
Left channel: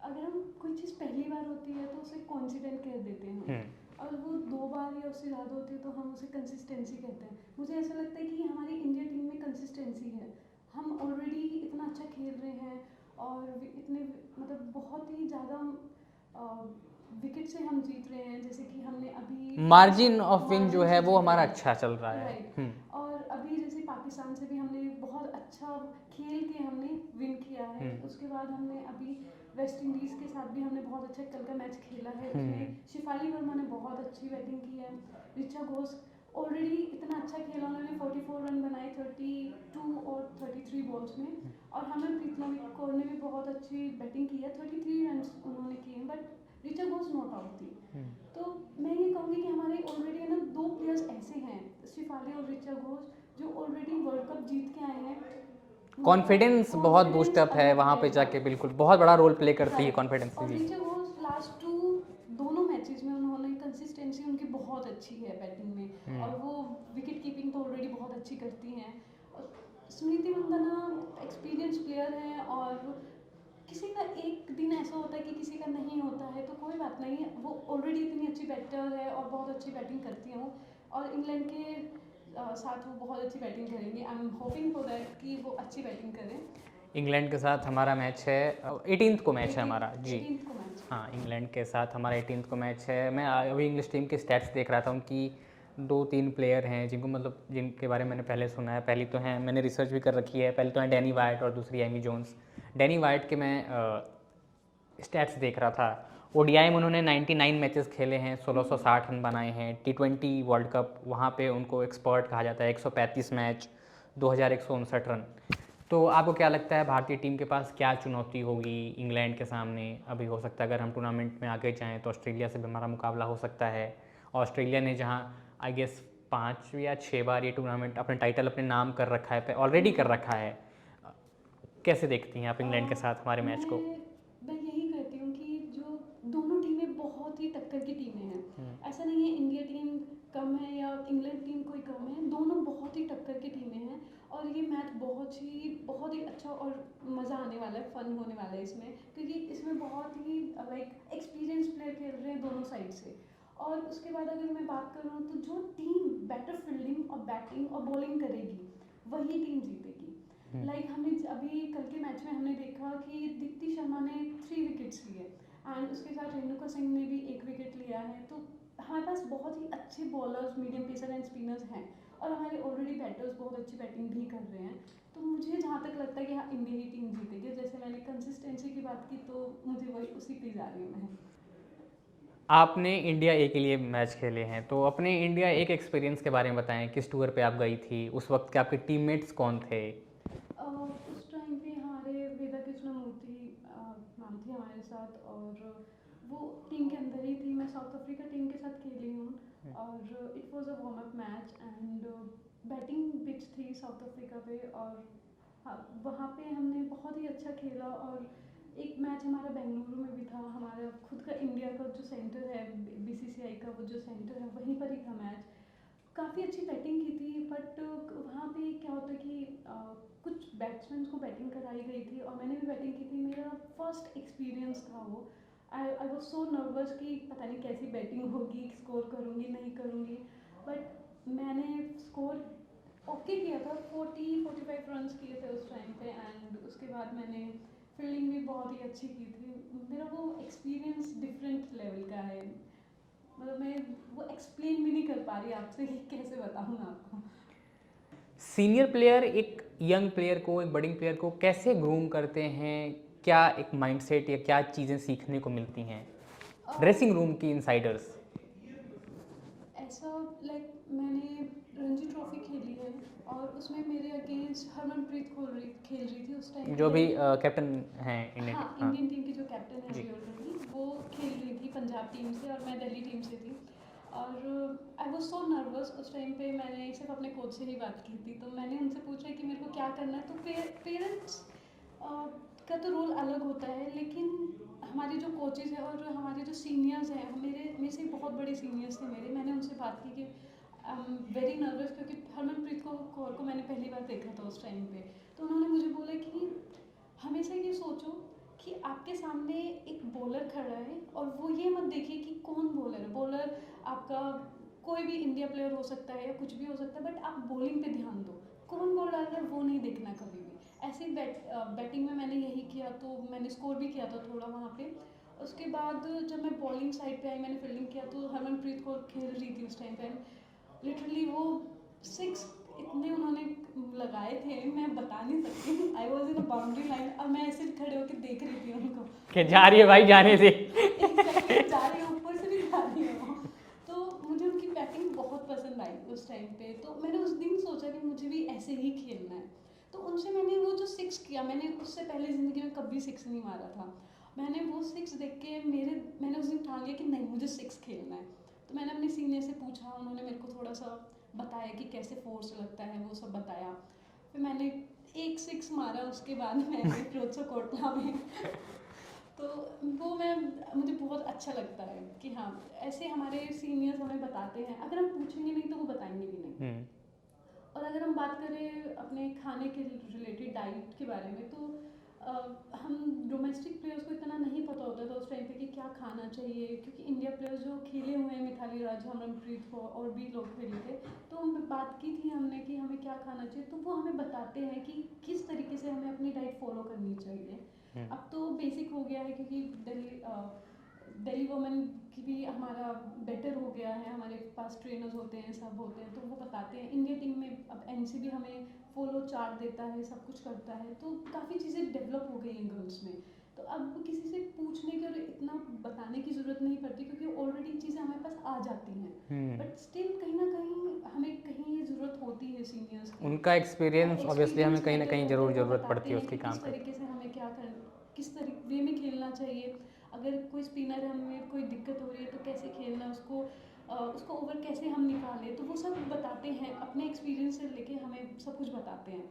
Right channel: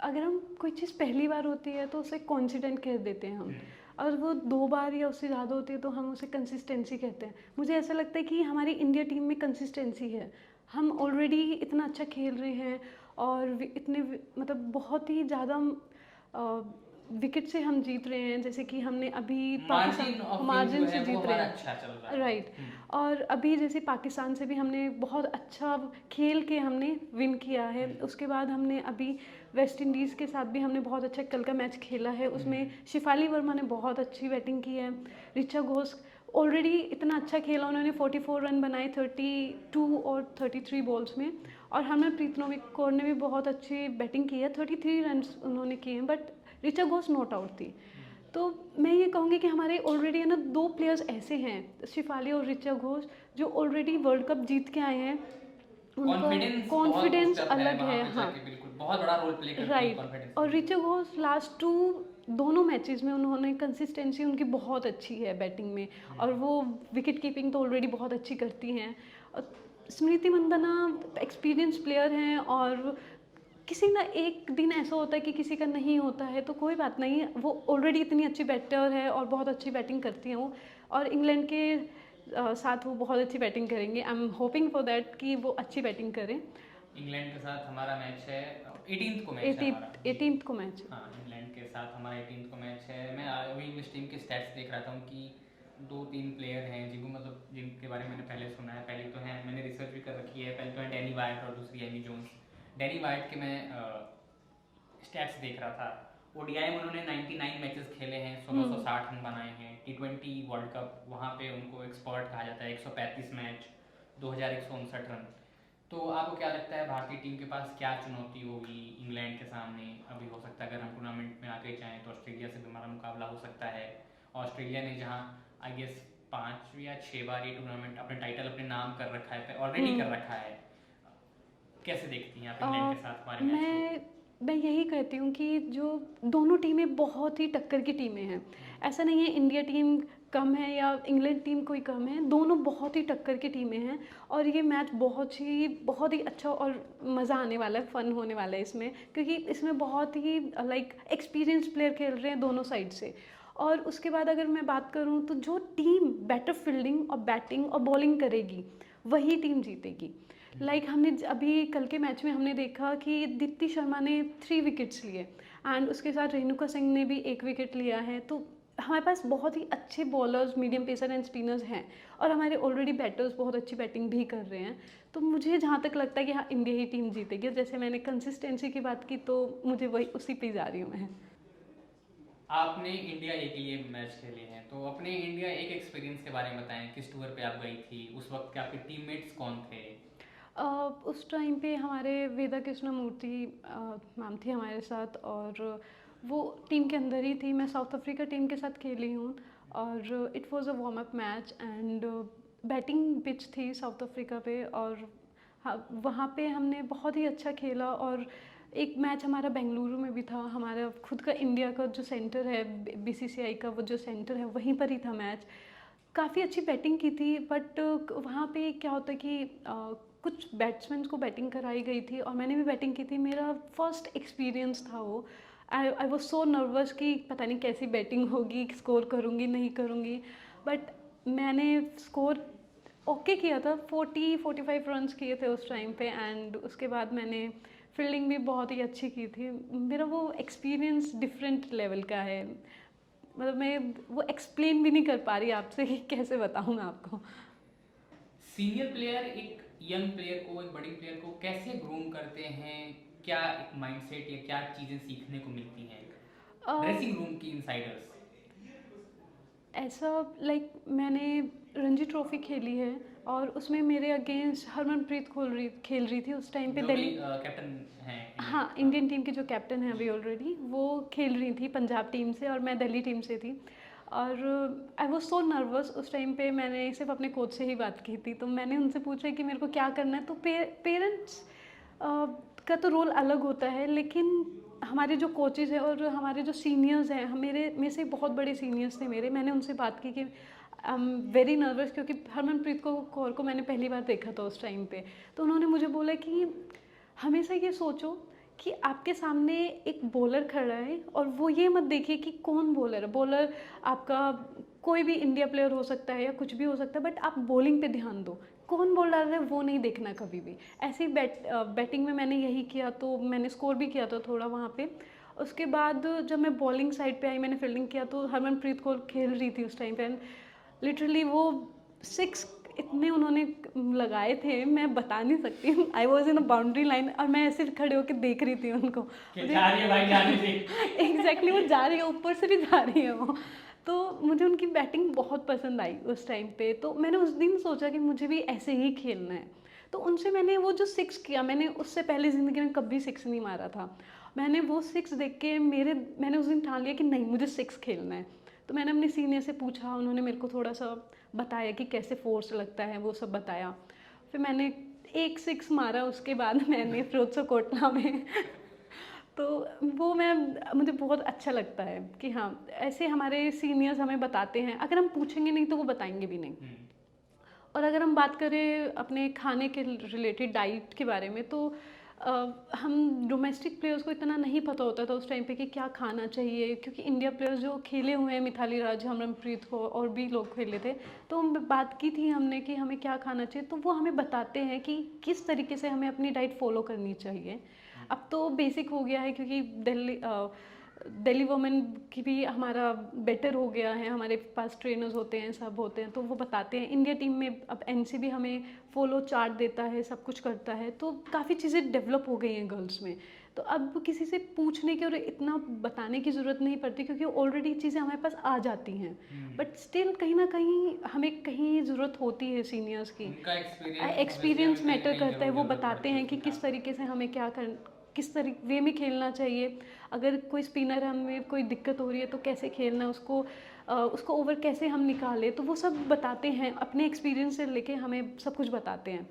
अगर हम कोई चीज़ पहली बार होती है तो उसे कॉन्फिडेंट कह देते हैं हम, और वो 2 बार या उससे ज़्यादा होती है तो हम उसे कंसिस्टेंसी कहते हैं। मुझे ऐसा लगता है कि हमारी इंडिया टीम में कंसिस्टेंसी है। हम ऑलरेडी इतना अच्छा खेल रहे हैं और इतने मतलब बहुत ही ज़्यादा विकेट से हम जीत रहे हैं। जैसे कि हमने अभी मार्जिन ऑफ विन जो है वो हमारा अच्छा चल रहा है। राइट। और अभी जैसे पाकिस्तान से भी हमने बहुत अच्छा खेल के हमने विन किया है। उसके बाद हमने अभी वेस्ट इंडीज़ के साथ भी हमने बहुत अच्छा कल का मैच खेला है। उसमें शिफाली वर्मा ने बहुत अच्छी बैटिंग की है। ऋचा घोष ऑलरेडी इतना अच्छा खेला, उन्होंने 44 रन बनाए 32 और 33 बॉल्स में। और हरमनप्रीत कौर ने भी बहुत अच्छी बैटिंग की है, 33 रन उन्होंने किए हैं। But Richa Ghosh not out थी। तो मैं ये कहूँगी कि हमारे ऑलरेडी है ना 2 प्लेयर्स ऐसे हैं, शिफाली और ऋचा घोष, जो ऑलरेडी वर्ल्ड कप जीत के आए हैं। कॉन्फिडेंस बहुत बूस्ट अप है वहाँ पे जाके। बिल्कुल बहुत बड़ा रोल प्ले करती है कॉन्फिडेंस। और ऋचा घोष लास्ट दोनों मैचेस में उन्होंने कंसिस्टेंसी उनकी बहुत अच्छी है बैटिंग में, और वो विकेट कीपिंग तो ऑलरेडी बहुत अच्छी करती हैं। स्मृति मंदाना एक्सपीरियंस प्लेयर हैं, और किसी ना एक दिन ऐसा होता है कि किसी का नहीं होता है, तो कोई बात नहीं, वो ऑलरेडी इतनी अच्छी बैटर है और बहुत अच्छी बैटिंग करती हैं वो। और इंग्लैंड के साथ वो बहुत अच्छी बैटिंग करेंगे। I am hoping for that कि वो अच्छी बैटिंग करें। इंग्लैंड के साथ हमारा मैच है 18th को मैच है हमारा जी। 18th को मैच, हाँ, इंग्लैंड के साथ हमारा 18th को मैच है। मैं अभी इंग्लिश टीम के स्टैट्स देख रहा था, उनकी 2-3 प्लेयर हैं जिनके बारे में मैंने पहले सुना है। पहली तो हैं, मैंने रिसर्च भी कर रखी है, पहली तो है डैनी वाइट और दूसरी एमी जोन्स। डैनी वाइट के मैं स्टैट्स देख रहा था। ओडीआई में उन्होंने 99 मैचेस खेले हैं, 1660 रन बनाए हैं। T20 वर्ल्ड कप वहाँ पे उनको एक्सपर्ट कहा जाता है, 135 मैच, 2159 रन। तो आपको क्या लगता है भारतीय टीम के पास क्या चुनौती होगी इंग्लैंड के सामने? अभी हो सकता है अगर हम टूर्नामेंट में आगे जाएँ तो ऑस्ट्रेलिया से भी हमारा मुकाबला हो सकता है। ऑस्ट्रेलिया ने जहाँ आई गेस 5 या 6 बार ये टूर्नामेंट अपने टाइटल अपने नाम कर रखा है, ऑलरेडी कर रखा है। कैसे देखती हैं आप इंग्लैंड के साथ हमारे मैच को? मैं यही कहती हूँ कि जो दोनों टीमें बहुत ही टक्कर की टीमें हैं। ऐसा नहीं है इंडिया टीम कम है या इंग्लैंड टीम कोई कम है, दोनों बहुत ही टक्कर की टीमें हैं और ये मैच बहुत ही अच्छा और मज़ा आने वाला है, फ़न होने वाला है इसमें, क्योंकि इसमें बहुत ही लाइक एक्सपीरियंस प्लेयर खेल रहे हैं दोनों साइड से। और उसके बाद अगर मैं बात करूँ तो जो टीम बेटर फील्डिंग और बैटिंग और बॉलिंग करेगी वही टीम जीतेगी। लाइक हमने अभी कल के मैच में हमने देखा कि दीप्ति शर्मा ने 3 विकेट्स लिए एंड उसके साथ रेणुका सिंह ने भी 1 विकेट लिया है। तो हमारे पास बहुत ही अच्छे bowlers, medium pacer and spinners हैं और हमारे ऑलरेडी बैटर्स बहुत अच्छी बैटिंग भी कर रहे हैं। तो मुझे जहाँ तक लगता है कि हाँ, इंडिया ही टीम जीतेगी। जैसे मैंने कंसिस्टेंसी की बात की तो मुझे वही उसी पे जा रही हूँ मैं। आपने इंडिया ए के लिए मैच खेले हैं, तो अपने इंडिया ए के एक्सपीरियंस के बारे में बताएं। किस टूर पे आप गई थी, उस वक्त के आपके टीममेट्स कौन थे? उस टाइम पे हमारे वेदा कृष्णा मूर्ति मैम थी हमारे साथ और वो टीम के अंदर ही थी। मैं साउथ अफ्रीका टीम के साथ खेली हूँ और it was a warm up match and batting pitch थी साउथ अफ्रीका पे और हाँ, वहाँ पे हमने बहुत ही अच्छा खेला। और एक मैच हमारा बेंगलुरु में भी था, हमारा खुद का इंडिया का जो सेंटर है, बीसीसीआई का वो जो सेंटर है वहीं पर ही था मैच। काफ़ी अच्छी बैटिंग की थी बट वहाँ पे क्या होता है कि कुछ बैट्समैन को बैटिंग कराई गई थी और मैंने भी बैटिंग की थी। मेरा फर्स्ट एक्सपीरियंस था वो। आई वॉज सो नर्वस कि पता नहीं कैसी बैटिंग होगी, स्कोर करूँगी नहीं करूँगी, बट मैंने स्कोर ओके किया था। 40-45 रन्स किए थे उस टाइम पे एंड उसके बाद मैंने फील्डिंग भी बहुत ही अच्छी की थी। मेरा वो एक्सपीरियंस डिफरेंट लेवल का है, मतलब मैं वो एक्सप्लेन भी नहीं कर पा रही आपसे कि कैसे बताऊँ मैं आपको। सीनियर प्लेयर एक यंग प्लेयर को, एक बडिंग प्लेयर को कैसे ग्रूम करते हैं? क्या एक माइंडसेट या क्या चीज़ें सीखने को मिलती हैं ड्रेसिंग रूम की इनसाइडर्स? ऐसा लाइक मैंने रणजी ट्रॉफी खेली है और उसमें मेरे अगेंस्ट हरमनप्रीत खेल रही थी उस टाइम पे। जो भी कैप्टन हैं इंडियन। हाँ, इंडियन टीम की जो कैप्टन है अभी ऑलरेडी, वो खेल रही थी पंजाब टीम से और मैं दिल्ली टीम से थी। और आई वॉज सो नर्वस उस टाइम पे। मैंने सिर्फ अपने कोच से ही बात की थी, तो मैंने उनसे पूछा कि मेरे को क्या करना है। तो पेरेंट्स का तो रोल अलग होता है, लेकिन हमारे जो कोचेस हैं और हमारे जो सीनियर्स हैं, मेरे से बहुत बड़े सीनियर्स थे मेरे, मैंने उनसे बात की कि आई एम वेरी नर्वस, क्योंकि हरमनप्रीत कौर को मैंने पहली बार देखा था उस टाइम पे। तो उन्होंने मुझे बोला कि हमेशा ये सोचो कि आपके सामने एक बॉलर खड़ा है और वो ये मत देखिए कि कौन बॉलर है। बॉलर आपका कोई भी इंडिया प्लेयर हो सकता है या कुछ भी हो सकता है, बट आप बॉलिंग पे ध्यान दो, कौन बॉल डाल रहा है वो नहीं देखना कभी भी। ऐसे ही बैटिंग में मैंने यही किया, तो मैंने स्कोर भी किया था थोड़ा वहाँ पे। उसके बाद जब मैं बॉलिंग साइड पे आई, मैंने फील्डिंग किया, तो हरमनप्रीत कौर खेल रही थी उस टाइम पे। लिटरली वो 6 इतने उन्होंने लगाए थे, मैं बता नहीं सकती। I was in a boundary line और मैं ऐसे खड़े होकर देख रही थी उनको कि जा रही है भाई, जाने दे। एग्जैक्टली वो जा रही है, ऊपर से भी जा रही है वो। तो मुझे उनकी बैटिंग बहुत पसंद आई उस टाइम पे। तो मैंने उस दिन सोचा कि मुझे भी ऐसे ही खेलना है। तो उनसे मैंने वो जो 6 किया, मैंने उससे पहले ज़िंदगी में कभी 6 नहीं मारा था। मैंने वो 6 देख के मैंने उस दिन ठान लिया कि नहीं, मुझे 6 खेलना है। तो मैंने अपने सीनियर से पूछा, उन्होंने मेरे को थोड़ा सा बताया कि कैसे फोर्स लगता है, वो सब बताया। फिर मैंने एक 6 मारा, उसके बाद मैंने फिरोजपुर कोटला में तो वो मुझे बहुत अच्छा लगता है कि हाँ, ऐसे हमारे सीनियर्स हमें बताते हैं। अगर हम पूछेंगे नहीं तो वो बताएंगे भी नहीं। और अगर हम बात करें अपने खाने के रिलेटेड डाइट के बारे में, तो हम डोमेस्टिक प्लेयर्स को इतना नहीं पता होता था उस टाइम पे कि क्या खाना चाहिए, क्योंकि इंडिया प्लेयर्स जो खेले हुए हैं, मिथाली राज, हरमनप्रीत को और भी लोग खेले थे, तो हम बात की थी हमने कि हमें क्या खाना चाहिए। तो वो हमें बताते हैं कि किस तरीके से हमें अपनी डाइट फॉलो करनी चाहिए। अब तो बेसिक हो गया है, क्योंकि दिल्ली वुमेन की भी हमारा बेटर हो गया है, हमारे पास ट्रेनर्स होते हैं, सब होते हैं, तो वो बताते हैं। इंडिया टीम में अब एनसीबी हमें फॉलो चार्ट देता है, सब कुछ करता है, तो काफ़ी चीज़ें डेवलप हो गई हैं गर्ल्स में। तो अब किसी से पूछने की और इतना बताने की ज़रूरत नहीं पड़ती, क्योंकि ऑलरेडी चीज़ें हमारे पास आ जाती हैं। बट स्टिल कहीं ना कहीं हमें कहीं ज़रूरत होती है सीनियर्स की। उनका एक्सपीरियंस मैटर करता है। वो बताते हैं कि उसकी किस तरीके से हमें किस तरीके वे में खेलना चाहिए। अगर कोई स्पिनर है, हमें कोई दिक्कत हो रही है तो कैसे खेलना है, उसको ओवर कैसे हम निकालें, तो वो सब बताते हैं। अपने एक्सपीरियंस से लेके हमें सब कुछ बताते हैं।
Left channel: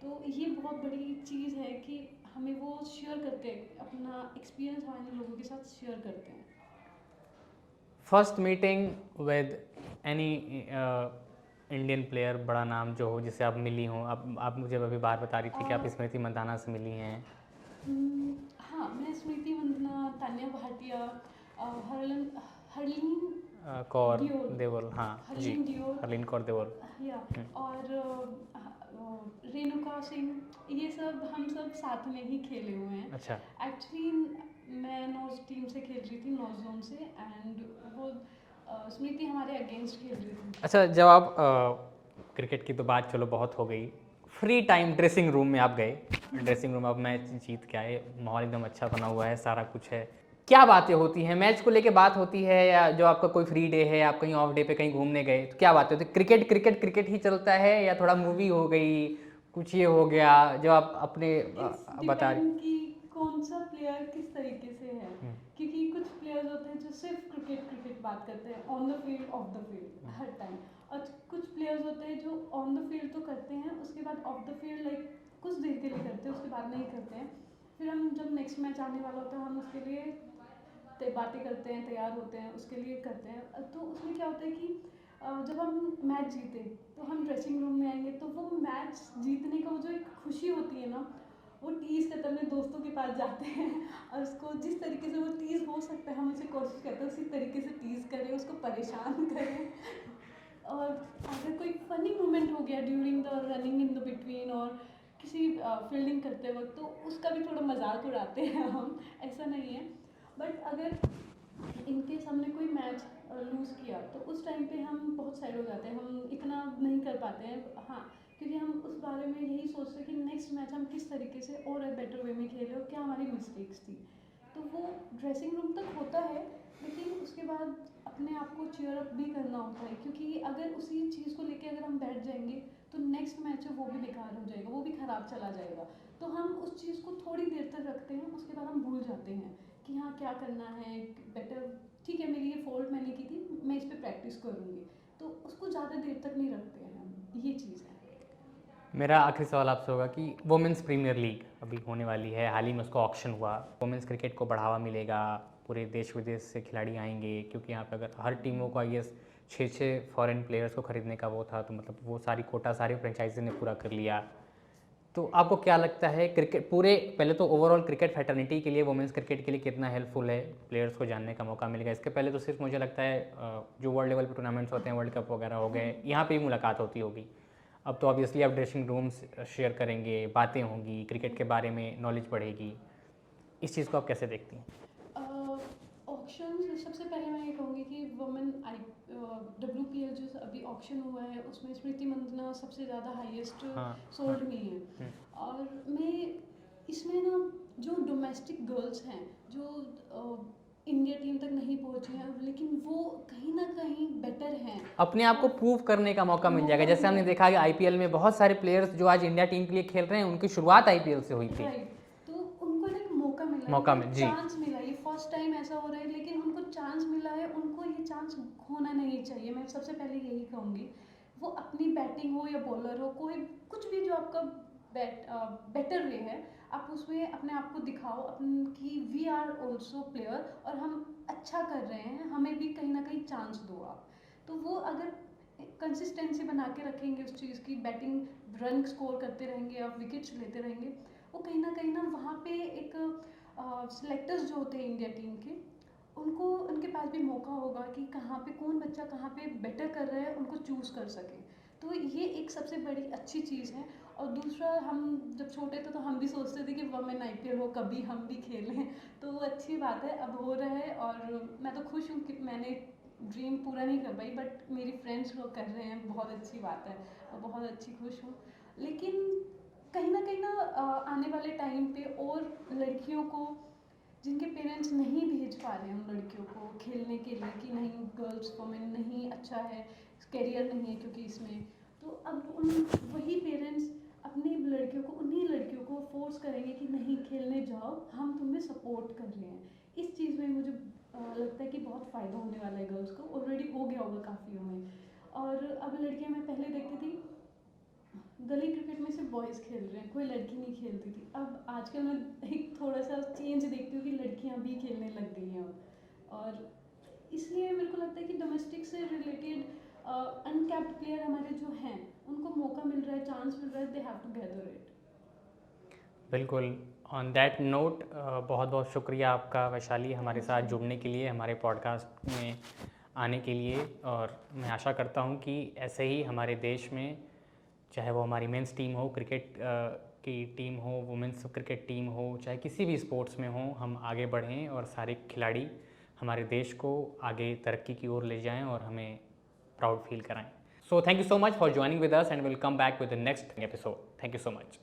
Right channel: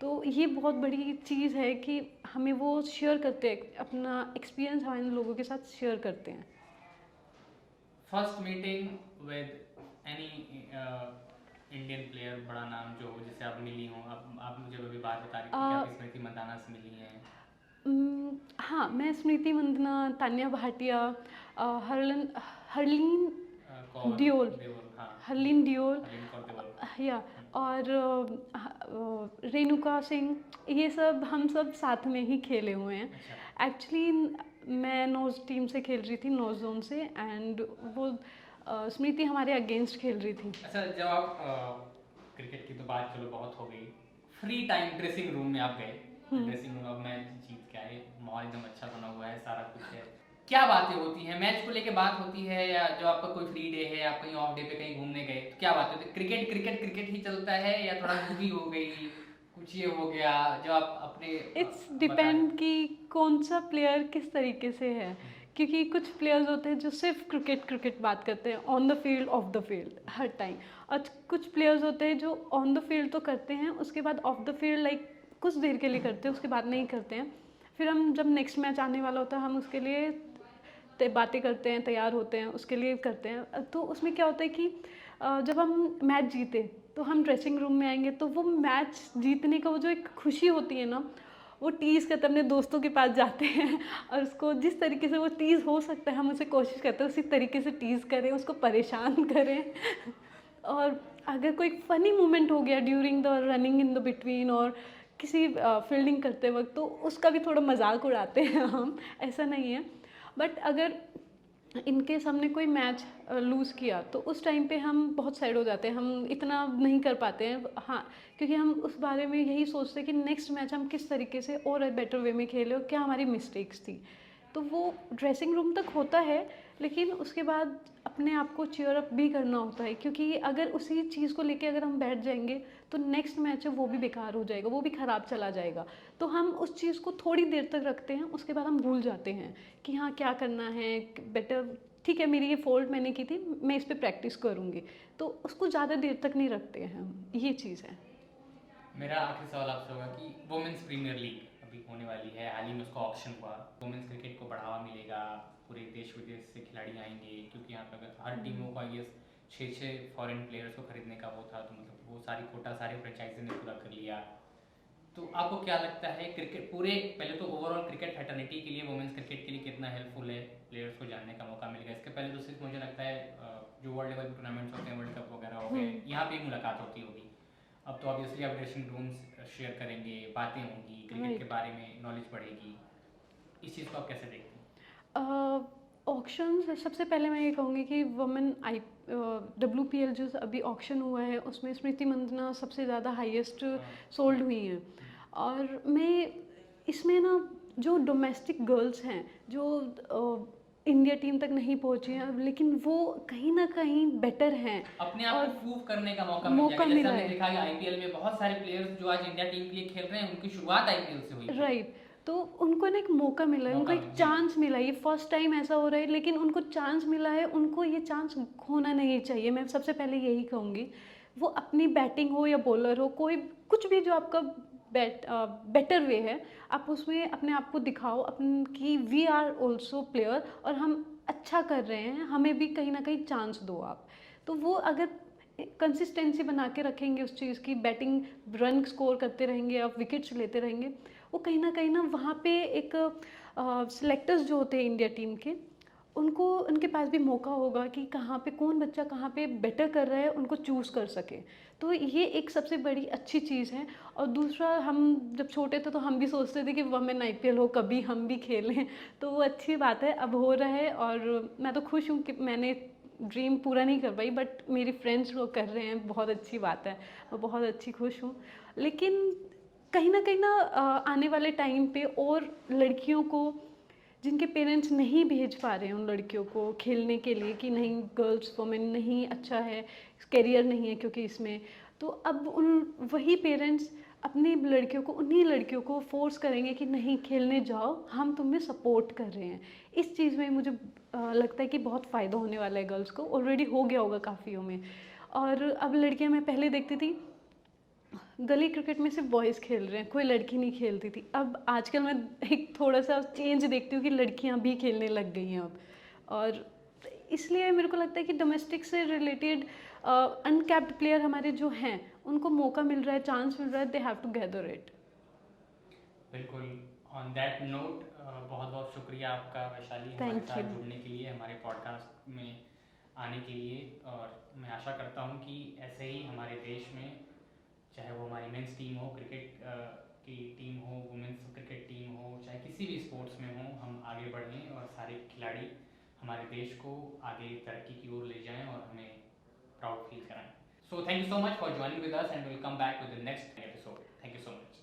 तो ये बहुत बड़ी चीज़ है कि हमें वो शेयर करते हैं, अपना एक्सपीरियंस हमारे लोगों के साथ शेयर करते हैं। First meeting with any Indian player बड़ा नाम जो हो जिससे आप मिली हो? आप मुझे अभी बात बता रही थी कि आप स्मृति मंदाना से मिली हैं। हाँ, मैं स्मृति मंदना, तान्या भाटिया, हरलन हरलीन कौर डियोल देवल, हाँ जी, हरलीन डियोल हरलीन कौर देवल। या और रेणुका सिंह, ये सब हम सब साथ में ही खेले हुए हैं। अच्छा। एक्चुअली मैं नॉर्थ टीम से खेल रही थी, नॉर्थ जोन से, एंड वो स्मृति हमारे अगेंस्ट खेल रही थी। अच्छा, जब आप क्रिकेट की तो बात चलो बहुत हो गई, फ्री टाइम ड्रेसिंग रूम में आप गए, ड्रेसिंग रूम अब मैच जीत के आए, माहौल एकदम अच्छा बना हुआ है, सारा कुछ है, क्या बातें होती हैं मैच को लेके? बात होती है या जो आपका कोई फ्री डे है, आप कहीं ऑफ डे पे कहीं घूमने गए तो क्या बातें होती है? क्रिकेट क्रिकेट क्रिकेट ही चलता है या थोड़ा मूवी हो गई, कुछ ये हो गया जो आप अपने इट्स बता रहे? डिपेंड कि कौन सा प्लेयर किस तरीके से है, क्योंकि कुछ प्लेयर्स होते हैं जो सिर्फ क्रिकेट क्रिकेट बात करते हैं on the field, of the field her time, और कुछ प्लेयर्स होते हैं जो ऑन द फील्ड तो करते हैं, उसके बाद ऑफ द फील्ड लाइक कुछ देर के लिए करते हैं, उसके बाद नहीं करते हैं। फिर हम जब नेक्स्ट मैच आने वाला होता है हम उसके लिए बातें करते हैं, तैयार होते हैं, उसके लिए करते हैं। तो उसमें क्या होता है कि जब हम मैच जीते तो हम ड्रेसिंग रूम में आएंगे, तो वो मैच जीतने का वो जो एक खुशी होती है ना, वो टीज़ करते अपने दोस्तों के पास जाते हैं और उसको जिस तरीके से वो टीज़ हो सकता है हम उसे कोशिश करते हैं उसी तरीके से टीज़ करें, उसको परेशान करें। और अगर कोई फ़नी मोमेंट हो गया during the running in the between और किसी फील्डिंग करते वक्त, तो उसका भी थोड़ा मजाक उड़ाते हैं हम, ऐसा नहीं है। बट अगर इनकेस हमने कोई मैच लूज़ किया तो उस टाइम पे हम बहुत सैड हो जाते हैं, हम इतना नहीं कर पाते हैं, हाँ, क्योंकि हम उस बारे में यही सोचते हैं कि नेक्स्ट मैच हम किस तरीके से और बेटर वे में खेलें और क्या हमारी मिस्टेक्स थी। तो वो ड्रेसिंग रूम तक होता है, लेकिन उसके बाद अपने आप को चीयर अप भी करना होता है, क्योंकि अगर उसी चीज़ को लेके अगर हम बैठ जाएंगे तो नेक्स्ट मैच है वो भी बेकार हो जाएगा, वो भी ख़राब चला जाएगा। तो हम उस चीज़ को थोड़ी देर तक रखते हैं, उसके बाद हम भूल जाते हैं कि हाँ क्या करना है बेटर, ठीक है मेरी ये फॉल्ट मैंने की थी, मैं इस पर प्रैक्टिस करूँगी। तो उसको ज़्यादा देर तक नहीं रखते हैं हम, ये चीज़ है। मेरा आखिरी सवाल आपसे होगा कि वुमेंस प्रीमियर लीग अभी होने वाली है, हाल ही में उसका ऑक्शन हुआ, वुमेंस क्रिकेट को बढ़ावा मिलेगा, पूरे देश विदेश से खिलाड़ी आएंगे, क्योंकि यहाँ पे अगर हर टीमों को आई एस 6 फॉरेन प्लेयर्स को खरीदने का वो था, तो मतलब वो सारी कोटा सारी फ्रेंचाइजी ने पूरा कर लिया। तो आपको क्या लगता है क्रिकेट पूरे, पहले तो ओवरऑल क्रिकेट फैटर्निटी के लिए, वुमेंस क्रिकेट के लिए कितना हेल्पफुल है, प्लेयर्स को जानने का मौका मिलेगा? इसके पहले तो सिर्फ मुझे लगता है जो वर्ल्ड लेवल पर टूर्नामेंट्स होते हैं, वर्ल्ड कप वगैरह हो गए, यहाँ पे ही मुलाकात होती होगी। अब तो ऑब्वियसली आप ड्रेसिंग रूम्स शेयर करेंगे, बातें होंगी, क्रिकेट के बारे में नॉलेज बढ़ेगी, इस चीज़ को आप कैसे देखती हैं? ऑक्शन सबसे पहले मैं ये कहूँगी कि वुमेन WPL जो अभी ऑक्शन हुआ है उसमें स्मृति मंदना सबसे ज़्यादा हाईएस्ट सोल्ड हुई हैं। और मैं इसमें ना जो डोमेस्टिक गर्ल्स हैं जो इंडिया टीम तक नहीं पहुंची हैं, लेकिन वो कहीं ना कहीं बेटर हैं, अपने आप को प्रूव करने का मौका मिल जाएगा। जैसे हमने देखा कि आईपीएल में बहुत सारे प्लेयर्स जो आज इंडिया टीम के लिए खेल रहे हैं, उनकी शुरुआत आईपीएल से हुई थी। राइट, तो उनको ना एक मौका मिला है, उनको एक चांस मिला, ये फर्स्ट टाइम ऐसा हो रहा है, लेकिन उनको चांस मिला है, उनको ये चांस खोना नहीं चाहिए। मैं सबसे पहले यही कहूँगी, वो अपनी बैटिंग हो या बॉलर हो, कोई कुछ भी जो आपका बेटर वे है, आप उसमें अपने आप को दिखाओ अपन कि वी आर ऑल्सो प्लेयर और हम अच्छा कर रहे हैं, हमें भी कहीं ना कहीं चांस दो आप। तो वो अगर कंसिस्टेंसी बना के रखेंगे उस चीज़ की, बैटिंग रन स्कोर करते रहेंगे, आप विकेट्स लेते रहेंगे, वो कहीं ना वहाँ पे एक सिलेक्टर्स जो होते हैं इंडिया टीम के, उनको उनके पास भी मौका होगा कि कहाँ पे कौन बच्चा कहाँ पे बेटर कर रहा है, उनको चूज़ कर सके। तो ये एक सबसे बड़ी अच्छी चीज़ है। और दूसरा, हम जब छोटे थे तो हम भी सोचते थे कि वुमेन IPL हो, कभी हम भी खेलें, तो वो अच्छी बात है, अब हो रहा है। और मैं तो खुश हूँ कि मैंने ड्रीम पूरा नहीं कर पाई, बट मेरी फ्रेंड्स लोग कर रहे हैं, बहुत अच्छी बात है, मैं बहुत अच्छी खुश हूँ। लेकिन कहीं ना आने वाले टाइम पे और लड़कियों को जिनके पेरेंट्स नहीं भेज पा रहे हैं उन लड़कियों को खेलने के लिए कि नहीं गर्ल्स वुमेन नहीं अच्छा है, करियर नहीं है क्योंकि इसमें, तो अब उन वही पेरेंट्स अपनी लड़कियों को, उन्हीं लड़कियों को फोर्स करेंगे कि नहीं खेलने जाओ, हम तुम्हें सपोर्ट कर रहे हैं। इस चीज़ में मुझे लगता है कि बहुत फ़ायदा होने वाला है गर्ल्स को, ऑलरेडी हो गया होगा काफ़ियों में। और अब लड़कियां, मैं पहले देखती थी गली क्रिकेट में सिर्फ बॉयज़ खेल रहे हैं, कोई लड़की नहीं खेलती थी। अब आजकल मैं एक थोड़ा सा चेंज देखती हूँ कि लड़कियाँ भी खेलने लग गई हैं अब। और इसलिए मेरे को लगता है कि डोमेस्टिक से रिलेटेड अनकैप्ड प्लेयर हमारे जो हैं उनको मौका मिल रहा है, चांस मिल रहा है, they have to gather it. बिल्कुल। ऑन दैट नोट बहुत बहुत शुक्रिया आपका वैशाली हमारे Thank साथ you. जुड़ने के लिए, हमारे पॉडकास्ट में आने के लिए। और मैं आशा करता हूँ कि ऐसे ही हमारे देश में, चाहे वो हमारी मेंस टीम हो, क्रिकेट की टीम हो, वुमेंस क्रिकेट टीम हो, चाहे किसी भी स्पोर्ट्स में हो, हम आगे बढ़ें और सारे खिलाड़ी हमारे देश को आगे तरक्की की ओर ले जाएं और हमें प्राउड फील कराएं। So thank you so much for joining with us and will come back with the next episode. Thank you so much.